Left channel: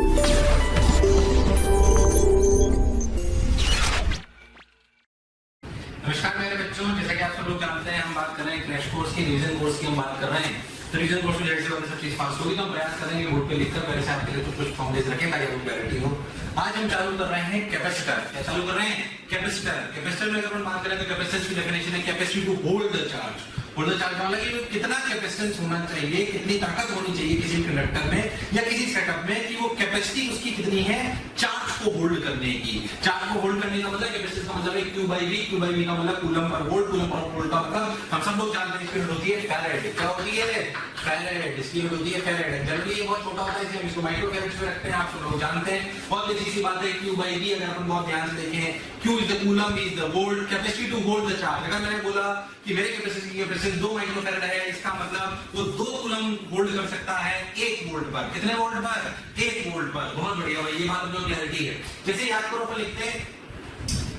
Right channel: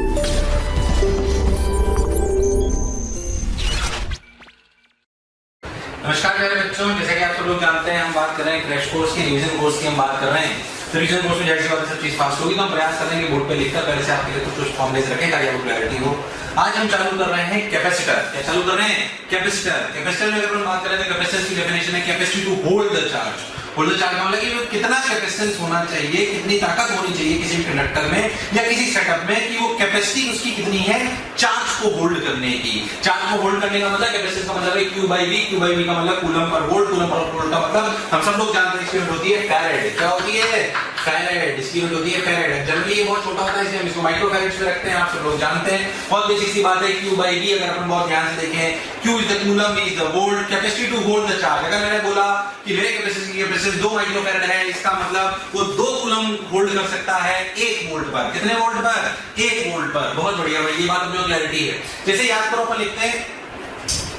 नमस्कार प्यारे बच्चों, जैसा कि आप सब लोग जानते हैं हम बात कर रहे हैं क्रैश कोर्स की, रिवीजन कोर्स की हम बात कर रहे हैं। तो रिवीजन कोर्स में जैसे बात सब चीज फास्ट होगी तो हम प्रयास करेंगे बोर्ड पे लिखकर पहले से आपके लिए कुछ फॉर्मुलेज रखें ताकि आपको क्लैरिटी हो। आज हम चालू कर रहे हैं कैपेसिटर। क्या चालू कर रहे हैं? कैपेसिटर। कैपेसिटर में अगर हम बात करें तो कैपेसिटर की डेफिनेशन है capacity to hold the charge. Hold the charge का मतलब कि वो कितना कैपेसिटेंस होना चाहिए, कितनी ताकत होनी चाहिए किसी भी कंडक्टर में या किसी सेटअप में कि वो कैपेसिटी उसकी कितनी है चार्ज को होल्ड करने की। चार्ज को होल्ड करने का मतलब कैपेसिटेंस का मतलब है Q by V, Q by V का मतलब coulomb per volt, coulomb per volt का मतलब हम सब लोग जानते हैं इसकी यूनिट होती है फैराड। क्या होती है? फैराड। इसकी यूनिट होती है फैराड। जनरली ये बहुत छोटा होता है इसलिए हम इसको माइक्रो फैराड में रखते हैं, आप सब लोग जानते हैं। बहुत बेसिक सी बात है Q by V। अगर अपन बहुत ध्यान से देखें Q is the coulomb, V is the volt, capacity to hold the charge। अगर मैंने बोला कि मेरे कैपेसिटी की कैपेसिटी 2 माइक्रो फैराड है, इसका मतलब वो 2 कूलम होल्ड कर सकता है 1 वोल्ट पर। कितने वोल्ट पर? 1 वोल्ट पर। बहुत बढ़िया भाई, ये बात अपने को क्लैरिटी है। जैसे याद करो अपन लिखते हैं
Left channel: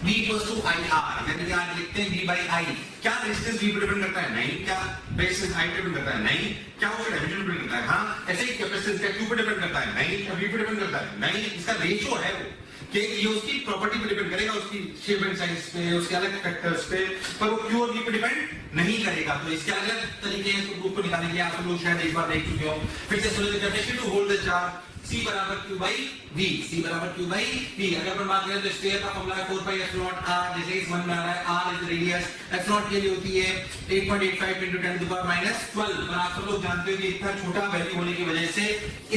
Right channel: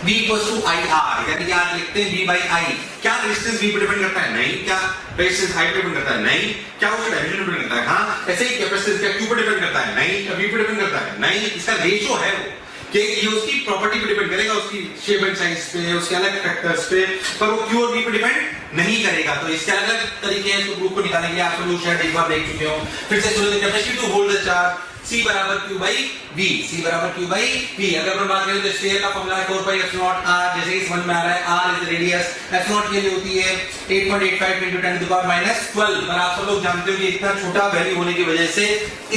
V equals to IR, यानी कि आज लिखते हैं V by I। क्या रेजिस्टेंस V पे डिपेंड करता है? नहीं। क्या रेजिस्टेंस I पे डिपेंड करता है? नहीं। क्या वो डायमेंशन पे डिपेंड करता है? हाँ। ऐसे ही कैपेसिटेंस क्या Q पे डिपेंड करता है? नहीं। क्या V पे डिपेंड करता है? नहीं। इसका रेशियो है वो कि ये उसकी प्रॉपर्टी पे डिपेंड करेगा, उसकी शेप एंड साइज पे, उसके अलग फैक्टर्स पे, पर वो Q और V पे डिपेंड नहीं करेगा। तो इसके अलग तरीके हैं इसको प्रूफ को निकालने के लिए। आप लोग शायद एक बार देख चुके हो। फिर से सुनिए, capacity to hold the charge C बराबर Q by V। C बराबर Q by V। अगर अपन बात करें तो स्फीयर का फॉर्मूला है 4 pi epsilon r। जैसे कि समझ में आ रहा है r इज रेडियस, epsilon के लिए होती है 8.85 into 10 to the power minus 12। पर आप सब लोग जानते हो कि इतना छोटा वैल्यू होने की वजह से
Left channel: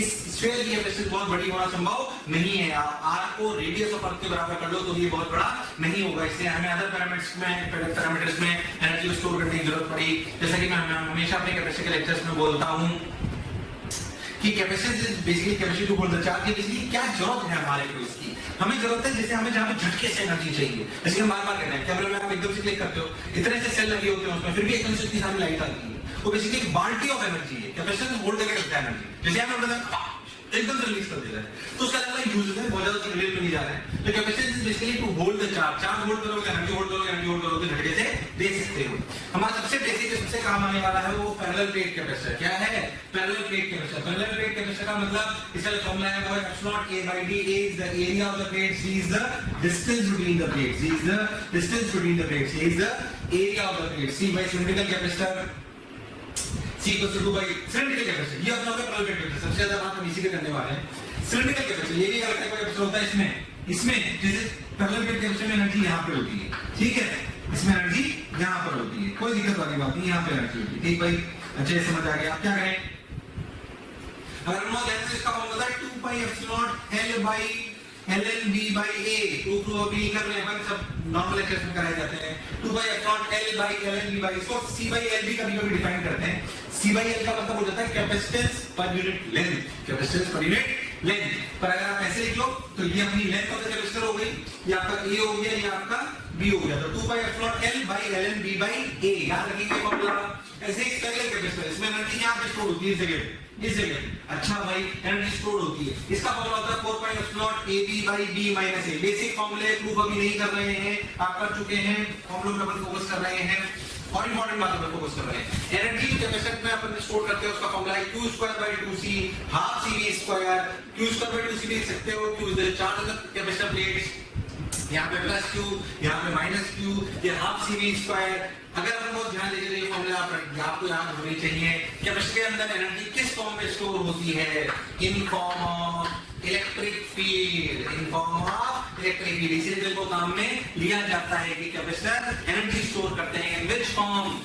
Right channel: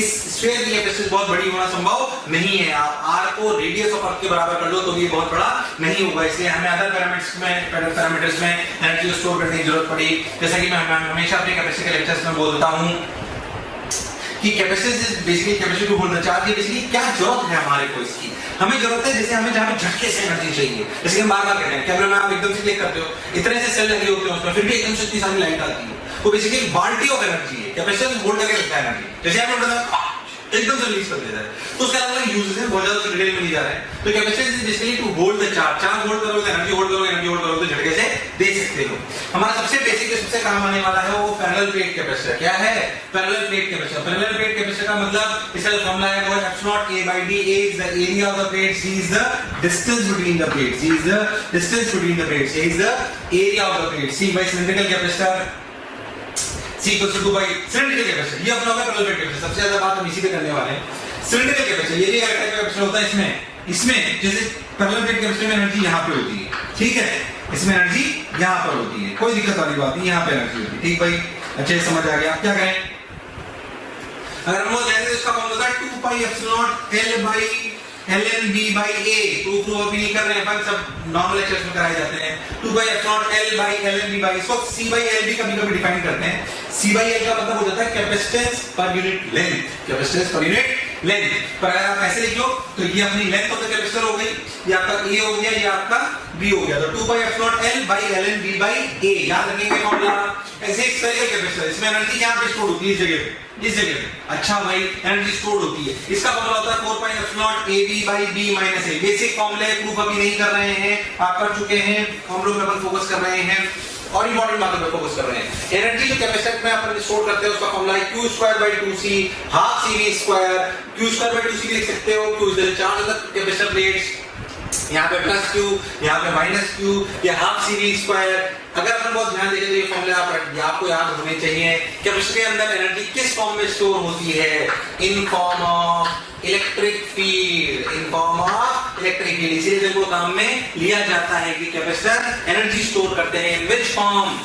इस स्फीयर की कैपेसिटी बहुत बड़ी होना संभव नहीं है। आप r को रेडियस ऑफ अर्थ के बराबर कर लो तो ये बहुत बड़ा नहीं होगा, इसलिए हमें अदर पैरामीटर्स में एनर्जी को स्टोर करने की जरूरत पड़ी। जैसा कि मैं हमेशा अपने कैपेसिटी के लेक्चर्स में बोलता हूं कि capacity is basically capacity to hold the charge. ये बेसिकली क्या जरूरत है हमारे को इसकी? हमें जरूरत है जैसे हमें जहां पे झटके से एनर्जी चाहिए, जैसे कि हम बार-बार कहते हैं कैमरे में आप एकदम से क्लिक करते हो, इतने से सेल लगे होते हैं उसमें, फिर भी एकदम से इतनी सारी लाइट आती है। वो बेसिकली बाल्टी ऑफ एनर्जी है। कैपेसिटेंस होल्ड करके रखता है एनर्जी। जैसे आपने बताया एकदम से रिलीज कर देता है, तो उसका अलग यूजेस है, बहुत ज्यादा डिटेल में नहीं जा रहे हैं। तो capacitance is basically to hold the charge. Charge hold करोगे तो एनर्जी होल्ड करोगे, एनर्जी होल्ड करोगे तो झटके से दे सकते हो। हमारा सबसे बेसिक सबसे काम आने वाला है वो पैरेलल प्लेट कैपेसिटर। क्या है? Parallel plate capacitor. Parallel plate capacitor का मतलब इसका जो फॉर्मूला है वो है epsilon A by D। A is the area of the plate, C is the distance between the plates, C is the distance between the plates, A is the area of the plate। C by cylindrical capacitor, C equals to 2 by cylindrical capacitor। ये अपना होगा parallel plate capacitor. सबसे ज्यादा बात हम इसी पे करने वाले हैं। सिलिंड्रिकल कैपेसिटर ये कैपेसिटर होता है इसमें जैसे पैरेलल प्लेट कैपेसिटर में एनर्जी यहाँ पे होती है, ठीक है, इसमें एनर्जी यहाँ पर होती है, कोई दिक्कत वाली बात नहीं, यहाँ पे एनर्जी होती है, ठीक भाई, अच्छे से समझ आ गया। क्या कहें? अगर हम लोग जाएंगे इसका फॉर्मूला है 2 pi epsilon L by ln V by A। Proof अभी नहीं कर रहे हैं अपन, सब नॉर्मल लेक्चर्स में कराए जाते हैं। 2 pi epsilon L by ln V by, इसको C by L भी कभी-कभी डिफाइन करते हैं। C by L का मतलब हो जाता है capacitance per unit length, capacitance per unit length. पर अगर आप ऐसे लिख लो तो ये अपनी लेंथ ऑफ द कैपेसिटर हो गई, ये आपका A हो गया, ये आपका B हो गया। तो 2 pi epsilon L by ln V by A याद रखेंगे फॉर्मूला। ऐसे एक स्फेरिकल कैपेसिटर, इसमें एनर्जी यहाँ पे स्टोर होती है, इस जगह पे, इस जगह पे। अच्छा भाई, एनर्जी स्टोर होती है। इसका फॉर्मूला होता है 4 pi epsilon AB by B minus A। Basic फॉर्मूले प्रूफ अभी नहीं कर रहे हैं, आप कर चुके हैं, फॉर्मूलों में अपन फोकस कर रहे हैं और इंपॉर्टेंट बातों पे फोकस कर रहे हैं। एनर्जी जो कैपेसिटर में अपन स्टोर करते हैं उसका फॉर्मूला है Q² by 2C half CV²। Q² by 2C लिख सकते हो। Q is the charge of the capacitor plates, यहाँ पे प्लस Q, यहाँ पे माइनस Q, ये हाफ CV²। अगर अपन बहुत ध्यान देखें तो ये फॉर्मूले आपको याद होने चाहिए। कैपेसिटर के अंदर एनर्जी किस फॉर्म में स्टोर होती है? इन form of electric field, in form of electric field. इसीलिए इनको काम में लिया जाता है कि कैपेसिटर एनर्जी स्टोर करते हैं। In which form?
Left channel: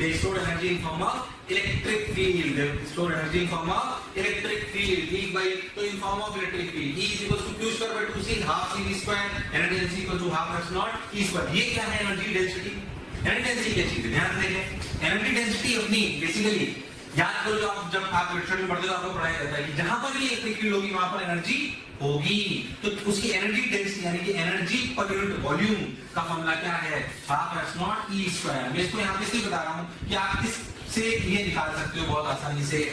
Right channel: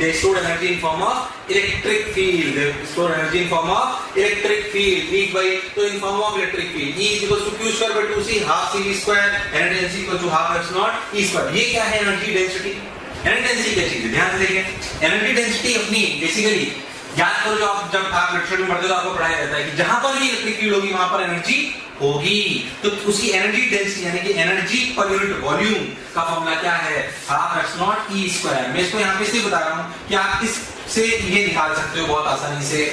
They store energy in form of electric field, they store energy in form of electric field. ठीक भाई, तो in form of electric field E is equals to Q² by 2C half CV², energy density equal to half epsilon E²। ये क्या है energy density? Energy density क्या चीज है? ध्यान से देखें, एनर्जी डेंसिटी अपनी बेसिकली याद करो, जो आप जब आप लेक्चर में पढ़ते हो तो आपको पढ़ाया जाता है कि जहां पर भी इलेक्ट्रिक फील्ड होगी वहां पर एनर्जी होगी। तो उसकी एनर्जी डेंसिटी यानी कि एनर्जी पर यूनिट वॉल्यूम का फॉर्मूला क्या है? Half epsilon E²। मैं इसको यहाँ पे इसलिए बता रहा हूँ कि आप इससे ये निकाल सकते हो बहुत आसानी से,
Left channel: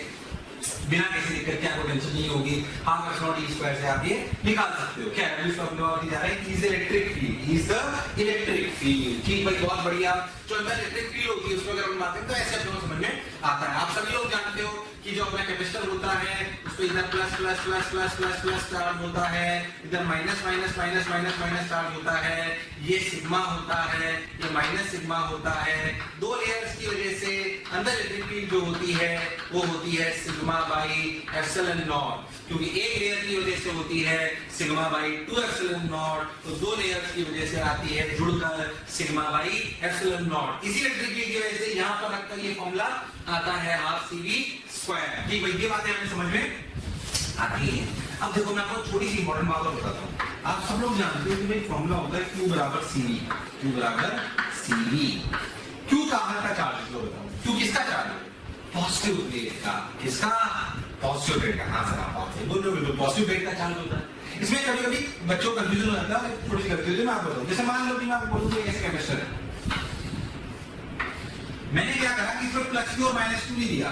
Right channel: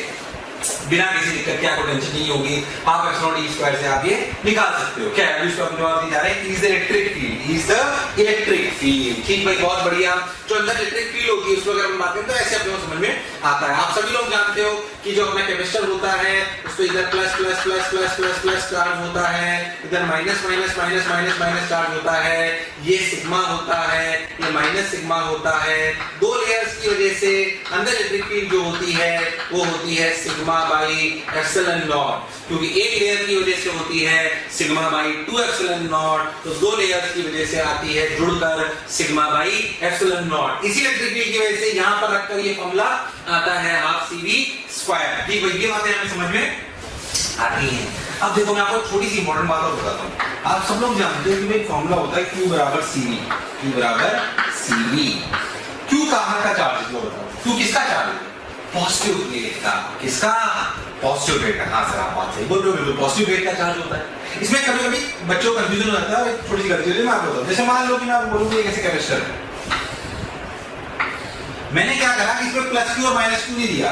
बिना किसी दिक्कत के, आपको टेंशन नहीं होगी। हाफ epsilon E² से आप ये निकाल सकते हो। क्या है इसको अपने बात दी जा रहा है? Is the electric field, is the electric field. ठीक भाई, बहुत बढ़िया। जो अंदर इलेक्ट्रिक फील्ड होती है उसको अगर हम बात करें तो ऐसे अपने को समझ में आता है। आप सभी लोग जानते हो कि जो अपना कैपेसिटर होता है उसको इधर plus plus plus plus plus plus charge होता है, इधर minus minus minus minus minus charge होता है, ये सिग्मा होता है, ये माइनस सिग्मा होता है। दो लेयर्स की वजह से अंदर इलेक्ट्रिक फील्ड जो होती है वो होती है सिग्मा बाई एप्सिलॉन नॉट, क्योंकि एक लेयर की वजह से होती है सिग्मा बाई 2 एप्सिलॉन नॉट, तो दो लेयर्स की वजह से आती है जुड़कर सिग्मा बाई एप्सिलॉन नॉट। इसी इलेक्ट्रिक फील्ड की वजह से यहां पर रखकर ये फॉर्मूला आता है हाफ CV स्क्वायर। ठीक है, ये बातें हमें समझ में आती हैं। अब देखो मैं आपको छोटी सी इंपॉर्टेंट बात और बताता हूं। आप सब लोग जानते हो कि भाई फॉर्मूला होता है Q बराबर CV, Q बराबर CV। Q कहां का चार्ज है बताओ? Q किसका चार्ज है? पॉजिटिव प्लेट का। किसका? पॉजिटिव प्लेट का। हां सर आप बात सही बोल रहे हो, बिल्कुल पॉजिटिव प्लेट का चार्ज होता है। इसमें कभी-कभी बच्चों को कंफ्यूजन हो जाता है, छोटी सी गलती होती है, मैं आपको बताऊं। जैसे मान लो कि मैं आपको बोलूं कि ये कैसे कैपेसिटर है, मैंने क्या करा कि इसमें प्लस Q और माइनस Q नहीं दिया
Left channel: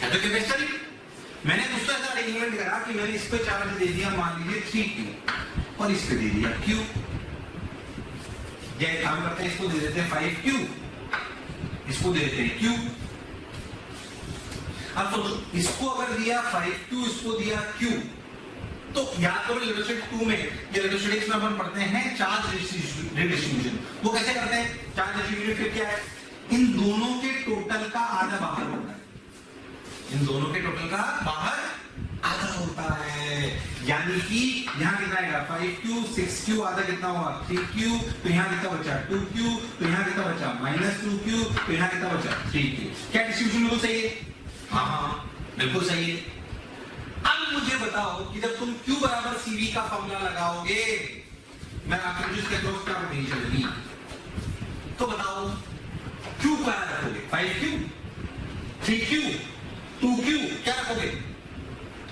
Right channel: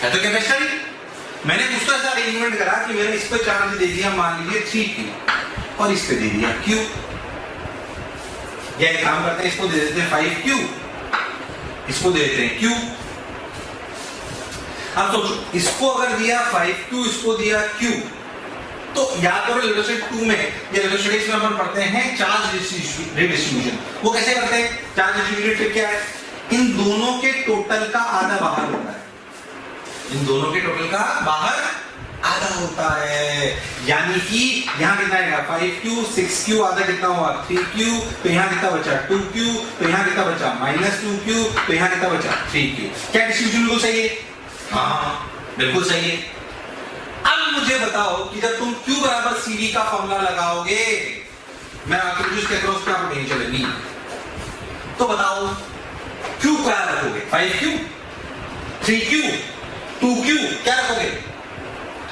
है, तो कैपेसिटर ही मैंने कुछ तो ऐसा अरेंजमेंट करा कि मैंने इस पे चार्ज दे दिया मान लीजिए 3Q और इस पे दे दिया Q, या एक काम करते हैं इसको दे देते हैं 5Q, इसको दे देते हैं Q। अब सोचो इसको अगर दिया 5Q, इसको दिया Q, तो याद करो लेवल स्टेट 2 में या लेवल स्टेट 1 में अपन पढ़ते हैं चार्ज रिडिस्ट्रीब्यूशन। वो कैसे करते हैं? चार्ज डिस्ट्रीब्यूशन क्या है? इन दोनों के टोटल का आधा बाहर होता है, इन दोनों के टोटल का बाहर आधा होता है। यानी कि यहाँ कितना आएगा 5Q, 6Q, आधा कितना हुआ 3Q, तो यहाँ कितना बचा 2Q, तो यहाँ कितना बचा -2Q, तो यहाँ कितना बचा 3Q। क्या डिस्ट्रीब्यूशन बिल्कुल सही है? हाँ बिल्कुल सही है। अब मुझे बताओ कि जब तुम Q बराबर CV का फॉर्मूला लगाओगे, मैं आपके जूस के क्रॉस क्या पोटेंशियल चलेगी, तो बताओ Q क्या रखोगे? 5Q, 3Q, 2Q, क्या रखोगे?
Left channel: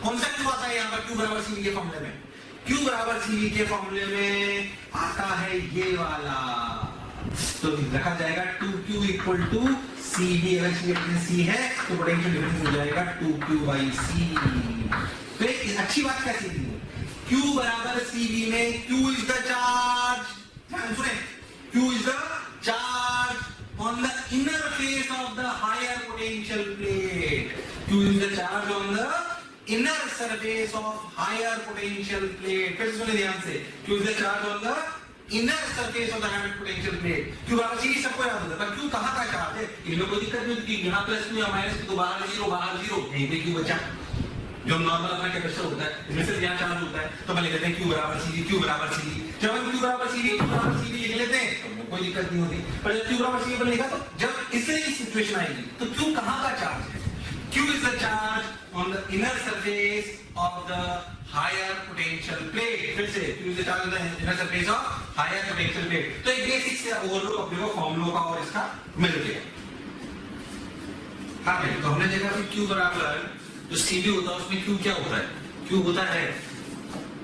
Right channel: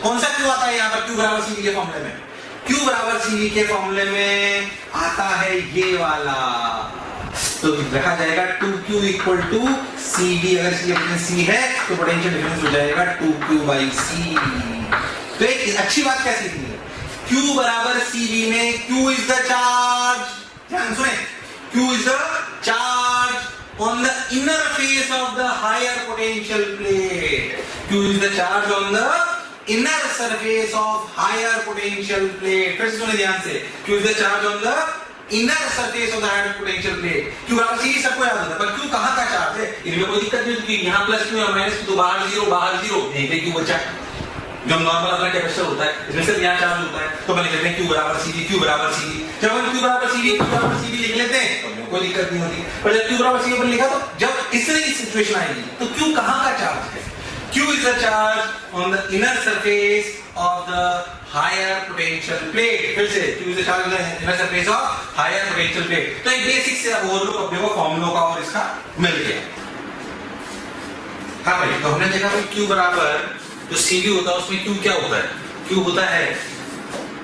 कौन सा Q आता है यहाँ पर Q बराबर CV के फॉर्मूले में? Q बराबर CV के फॉर्मूले में आता है ये वाला, तो रखा जाएगा 2Q इक्वल टू CV। अगर C है तो पोटेंशियल डिफरेंस हो जाएगा 2Q बाई C। तो एक अच्छी बात क्या सीखनी है? Q बराबर CV में Q इज द चार्ज, ध्यान सुने, Q is the charge on the inner face of the higher potential plate. Q is the charge on the inner surface of higher potential plate. फिर से सुने ध्यान से, Q is the charge on the inner surface of the higher potential plate. Q बराबर C सबको याद होता है, पर Q कहाँ का चार्ज है? इनमें कोई दिक्कत नहीं होती, यहाँ प्लस Q या माइनस Q, तो बाहर जीरो, यहीं पे Q बचा, जो नॉर्मल अपना कैपेसिटर होता है, इसमें सिर्फ यहाँ चार्ज होता है, तो मैंने कहते हैं Q बराबर CV, Q बराबर CV। जब हम Q बराबर CV लिख लेते हैं तो कोई दिक्कत नहीं होती, पर जब Q बराबर CV पर लिखा तो जब इस तरह की सिचुएशन आएगी तो Q कहाँ का चार्ज है? Q is the charge on the inner surface of the higher potential plate। फिर से Q is the charge on the inner surface of higher potential plate। तो एक बेसिक से ओवरव्यू अपने को फॉर्मूलों का और इसका मिल गया। हाँ भाई, तो हमने देखा भाई Q बराबर जो CV होता है उसमें Q क्या होता है? Q होता है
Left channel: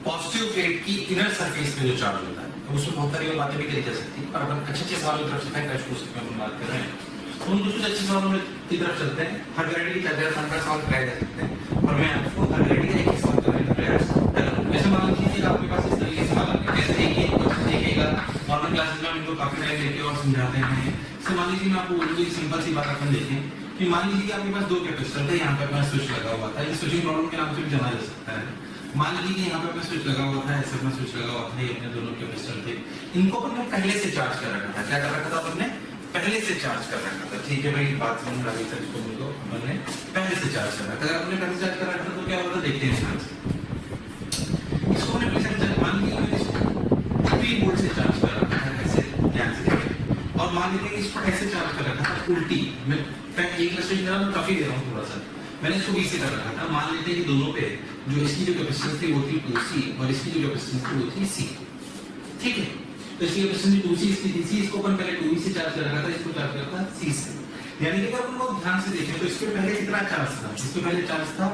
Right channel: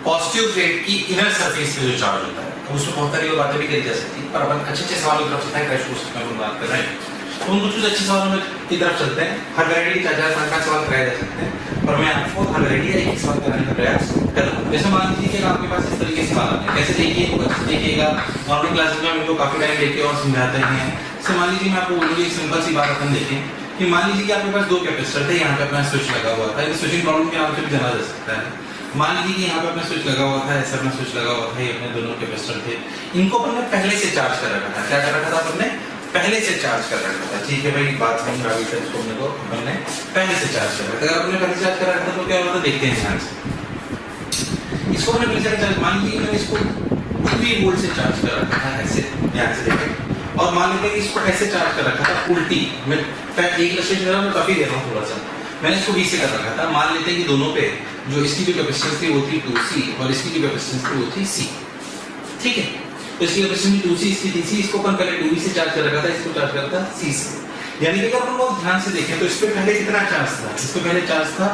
पॉजिटिव प्लेट की इनर सरफेस पे जो चार्ज होता है। अब उसमें बहुत सारी बातें भी करी जा सकती हैं, पर अपन अच्छे सवालों की तरफ चलते हैं, क्रैश कोर्स में अपन बात कर रहे हैं, तो उन कुछ अच्छे सवालों की तरफ चलते हैं। हर वैरायटी के 4-5 सवाल कराए जा सकते हैं, पर मैं आपको हर वैरायटी का एक सवाल कराने का प्रयास करूँगा। जैसे मान लीजिए कि आपके पास इस तरीके से सवाल आते हैं, कैसे देखिए कुछ देखिएगा, नॉर्मल क्लासेस में हम इनको काफी टाइम लेके और समझाते हैं। जैसे मान लीजिए मैं आपको बोलूँगी एक सिंपल सी बात अपन देखें कि मान लीजिए कि आपके पास दो कैपेसिटर थे, यहाँ पे अपना स्विच लगा हुआ था, स्विचिंग प्रॉब्लम के नाम से भी जाना जा सकता है। मान लीजिए कि यहाँ पे अपना स्विच लगा हुआ था, ऐसा अपना स्विच लगा हुआ था, ये अपने दोनों कैपेसिटर थे, इनको अपन ने पहले से चार्ज कर रखा था। क्या कर रखा था अपन ने? पहले से चार्ज कर रखा था। ठीक है भाई, बात समझ में आ गई था, इसको अपने को अपन ने पहले से चार्ज कर रखा था। अगर अपने पहले से चार्ज कर रखा था तो क्या होता, देखते हैं ध्यान से। इसको अपने पहले से चार्ज, मान लीजिए मैंने इसको 3 वोल्ट से चार्ज कर रखा था, ऐसे ध्यान से देखें, और मान लीजिए इसको ऐसे चार्ज कर रखा था उल्टी। मैं एक इलस्ट्रेशन में काफी दे रहा हूँ थोड़ा सा, मैंने इसको 20 से कर रखा था। मान लेते हैं कि दोनों पे जो इसकी जो कैपेसिटेंस थी वो थी 2C और इसकी जो कैपेसिटेंस थी वो थी C। ठीक है, तो इसकी कैपेसिटेंस 2C, इसकी DC, इसको अपन पहले 2V से चार्ज कर रखा था, इसको चार्ज करता C से। यानी कि अगर अपन बहुत ध्यान से देखें तो इस पे पहले कितना चार्ज था? इस पे पहले चार्ज था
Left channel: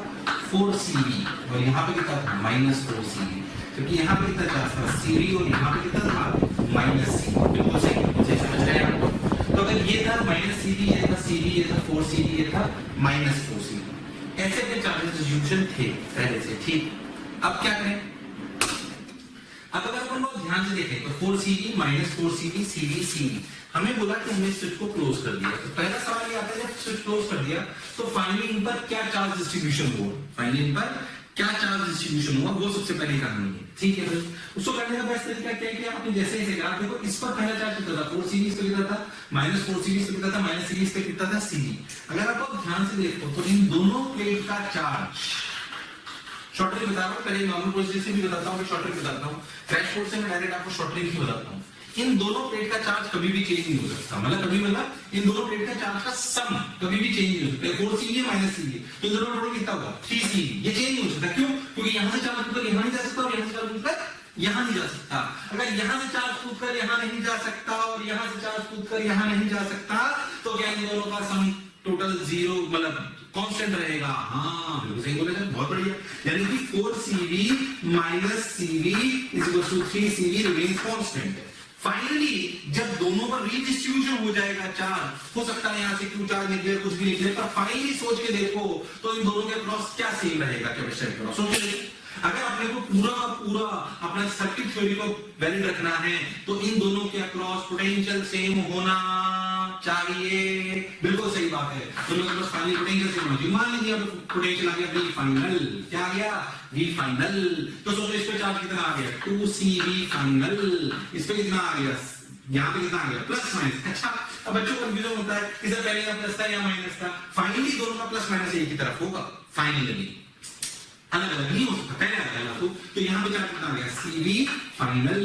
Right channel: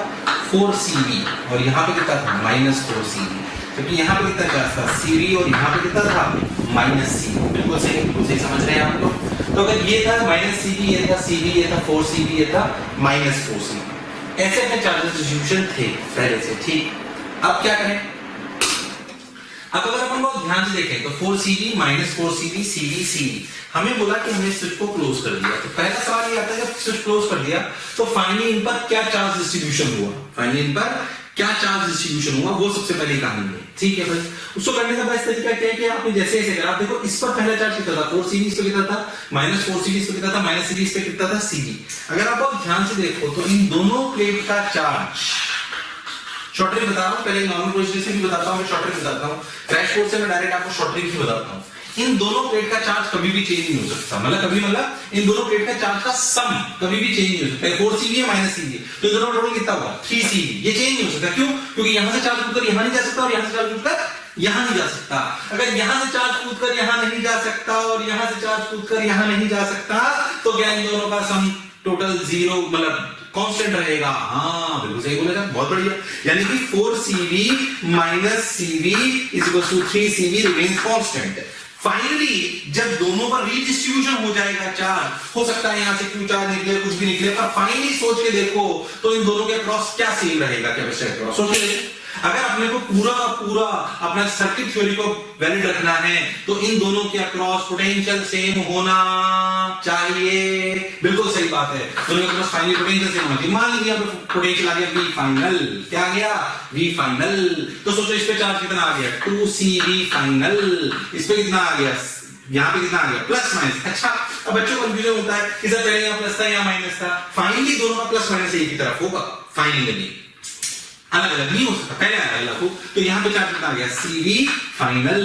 4CV और यहाँ पे कितना था? -4CV। क्योंकि यहाँ पे कितना चार्ज था? CV और यहाँ पे कितना था? -C। बिल्कुल सही समझ रहे हैं आप लोग। तो अगर ये था -CV, ये था CV, ये था 4CV, ये था -4CV, ऐसे अपने चार्जेस डिस्ट्रीब्यूशन थे पहले से। ठीक, अब क्या करें? अब अगर अपन बहुत ध्यान से देखें तो 4Cv minus 4Cv Cv Cv हमें बोला कि हमने स्विच को क्लोज कर दिया। तो पहला सवाल ये आता है जब स्विच क्लोज कर दिया तो फाइनली इन पर क्या चार्ज डिस्ट्रीब्यूशन हुआ, फाइनली इन पर क्या चार्ज डिस्ट्रीब्यूशन हुआ, वो सबसे पहली कहानी है। ठीक है भाई, उसको करने का बेस्ट तरीका क्या है कि आपने जैसे जैसे ग्राफ देखो, इस पर पहला चार्ज कितना था 4Cv इस पे कितना था, माइनस 4Cv इस पे कितना था, माइनस Cv इस पे कितना था Cv। अगर आप बहुत ध्यान से देखो तो इन दोनों प्लेट का चार्ज, शॉर्ट ट्रिक बता रहा हूं, पहले नॉर्मल प्रोसीजर से भी बताता हूं, मैं शॉर्ट ट्रिक बताता हूं, क्रैश कोर्स से मैं डायरेक्ट आपको शॉर्ट ट्रिक ही बताता हूं। इन दोनों प्लेट का चार्ज कभी भी चेंज नहीं हो सकता, मतलब इन दोनों प्लेट का चार्ज का सम कभी भी चेंज नहीं हो सकता। 4Cv है माइनस Cv, तो दोनों टोटल कितना होगा 3Cv, ये चेंज नहीं हो सकता। क्यों? क्योंकि यहां से चार्ज कूदकर यहां नहीं जा सकता और यहां से चार्ज कूदकर यहां नहीं जा सकता। अगर यहां से चार्ज कूदकर यहां नहीं जा सकता और यहां से चार्ज कूदकर यहां नहीं जा सकता तो क्या इन दोनों का सम टोटल 0 मतलब कांस्टेंट रहेगा। हाँ बिल्कुल सही बोलेगा, बहुत बढ़िया। यानी कि 4Cv minus Cv is equal to 3Cv remains constant. Finally जब दोनों पर रीडिस्ट्रीब्यूशन हो जाएगा चार्ज, हो सकता है यहां से क्यू चार्ज निकले, कुछ भी निकले, पर फाइनली सोच के देखो तो इन दोनों के अक्रॉस क्या सेम रहेगा, कैपेसिटर के अक्रॉस। सोच के देखो, अगर अपने को पूरा का पूरा अपना सर्किट थ्योरी को वैलिड रखना है तो इन दोनों के अक्रॉस पोटेंशियल सेम होना चाहिए। बिल्कुल सही बात है, दोनों के अक्रॉस फाइनली पोटेंशियल सेम होना चाहिए। मान लीजिए यहाँ पे पोटेंशियल आ गया V फाइनल, क्या आ गया V फाइनल, तो सोचो इस पे चार्ज कितना आ गया 2Cv फाइनल, इस पे कितना आ गया, यहाँ पे कितना आ गया प्लस माइनस। अच्छा, अब बच्चों को कंफ्यूजन होता है कि सर पहले यहाँ प्लस था या माइनस था, फाइनली दोनों का प्लस माइनस एक ही तरफ होगा, फाइनली अलग अलग नहीं हो सकता, पहले अलग हो। तो यहाँ पे चार्ज कितना आ गया Cv फाइनल,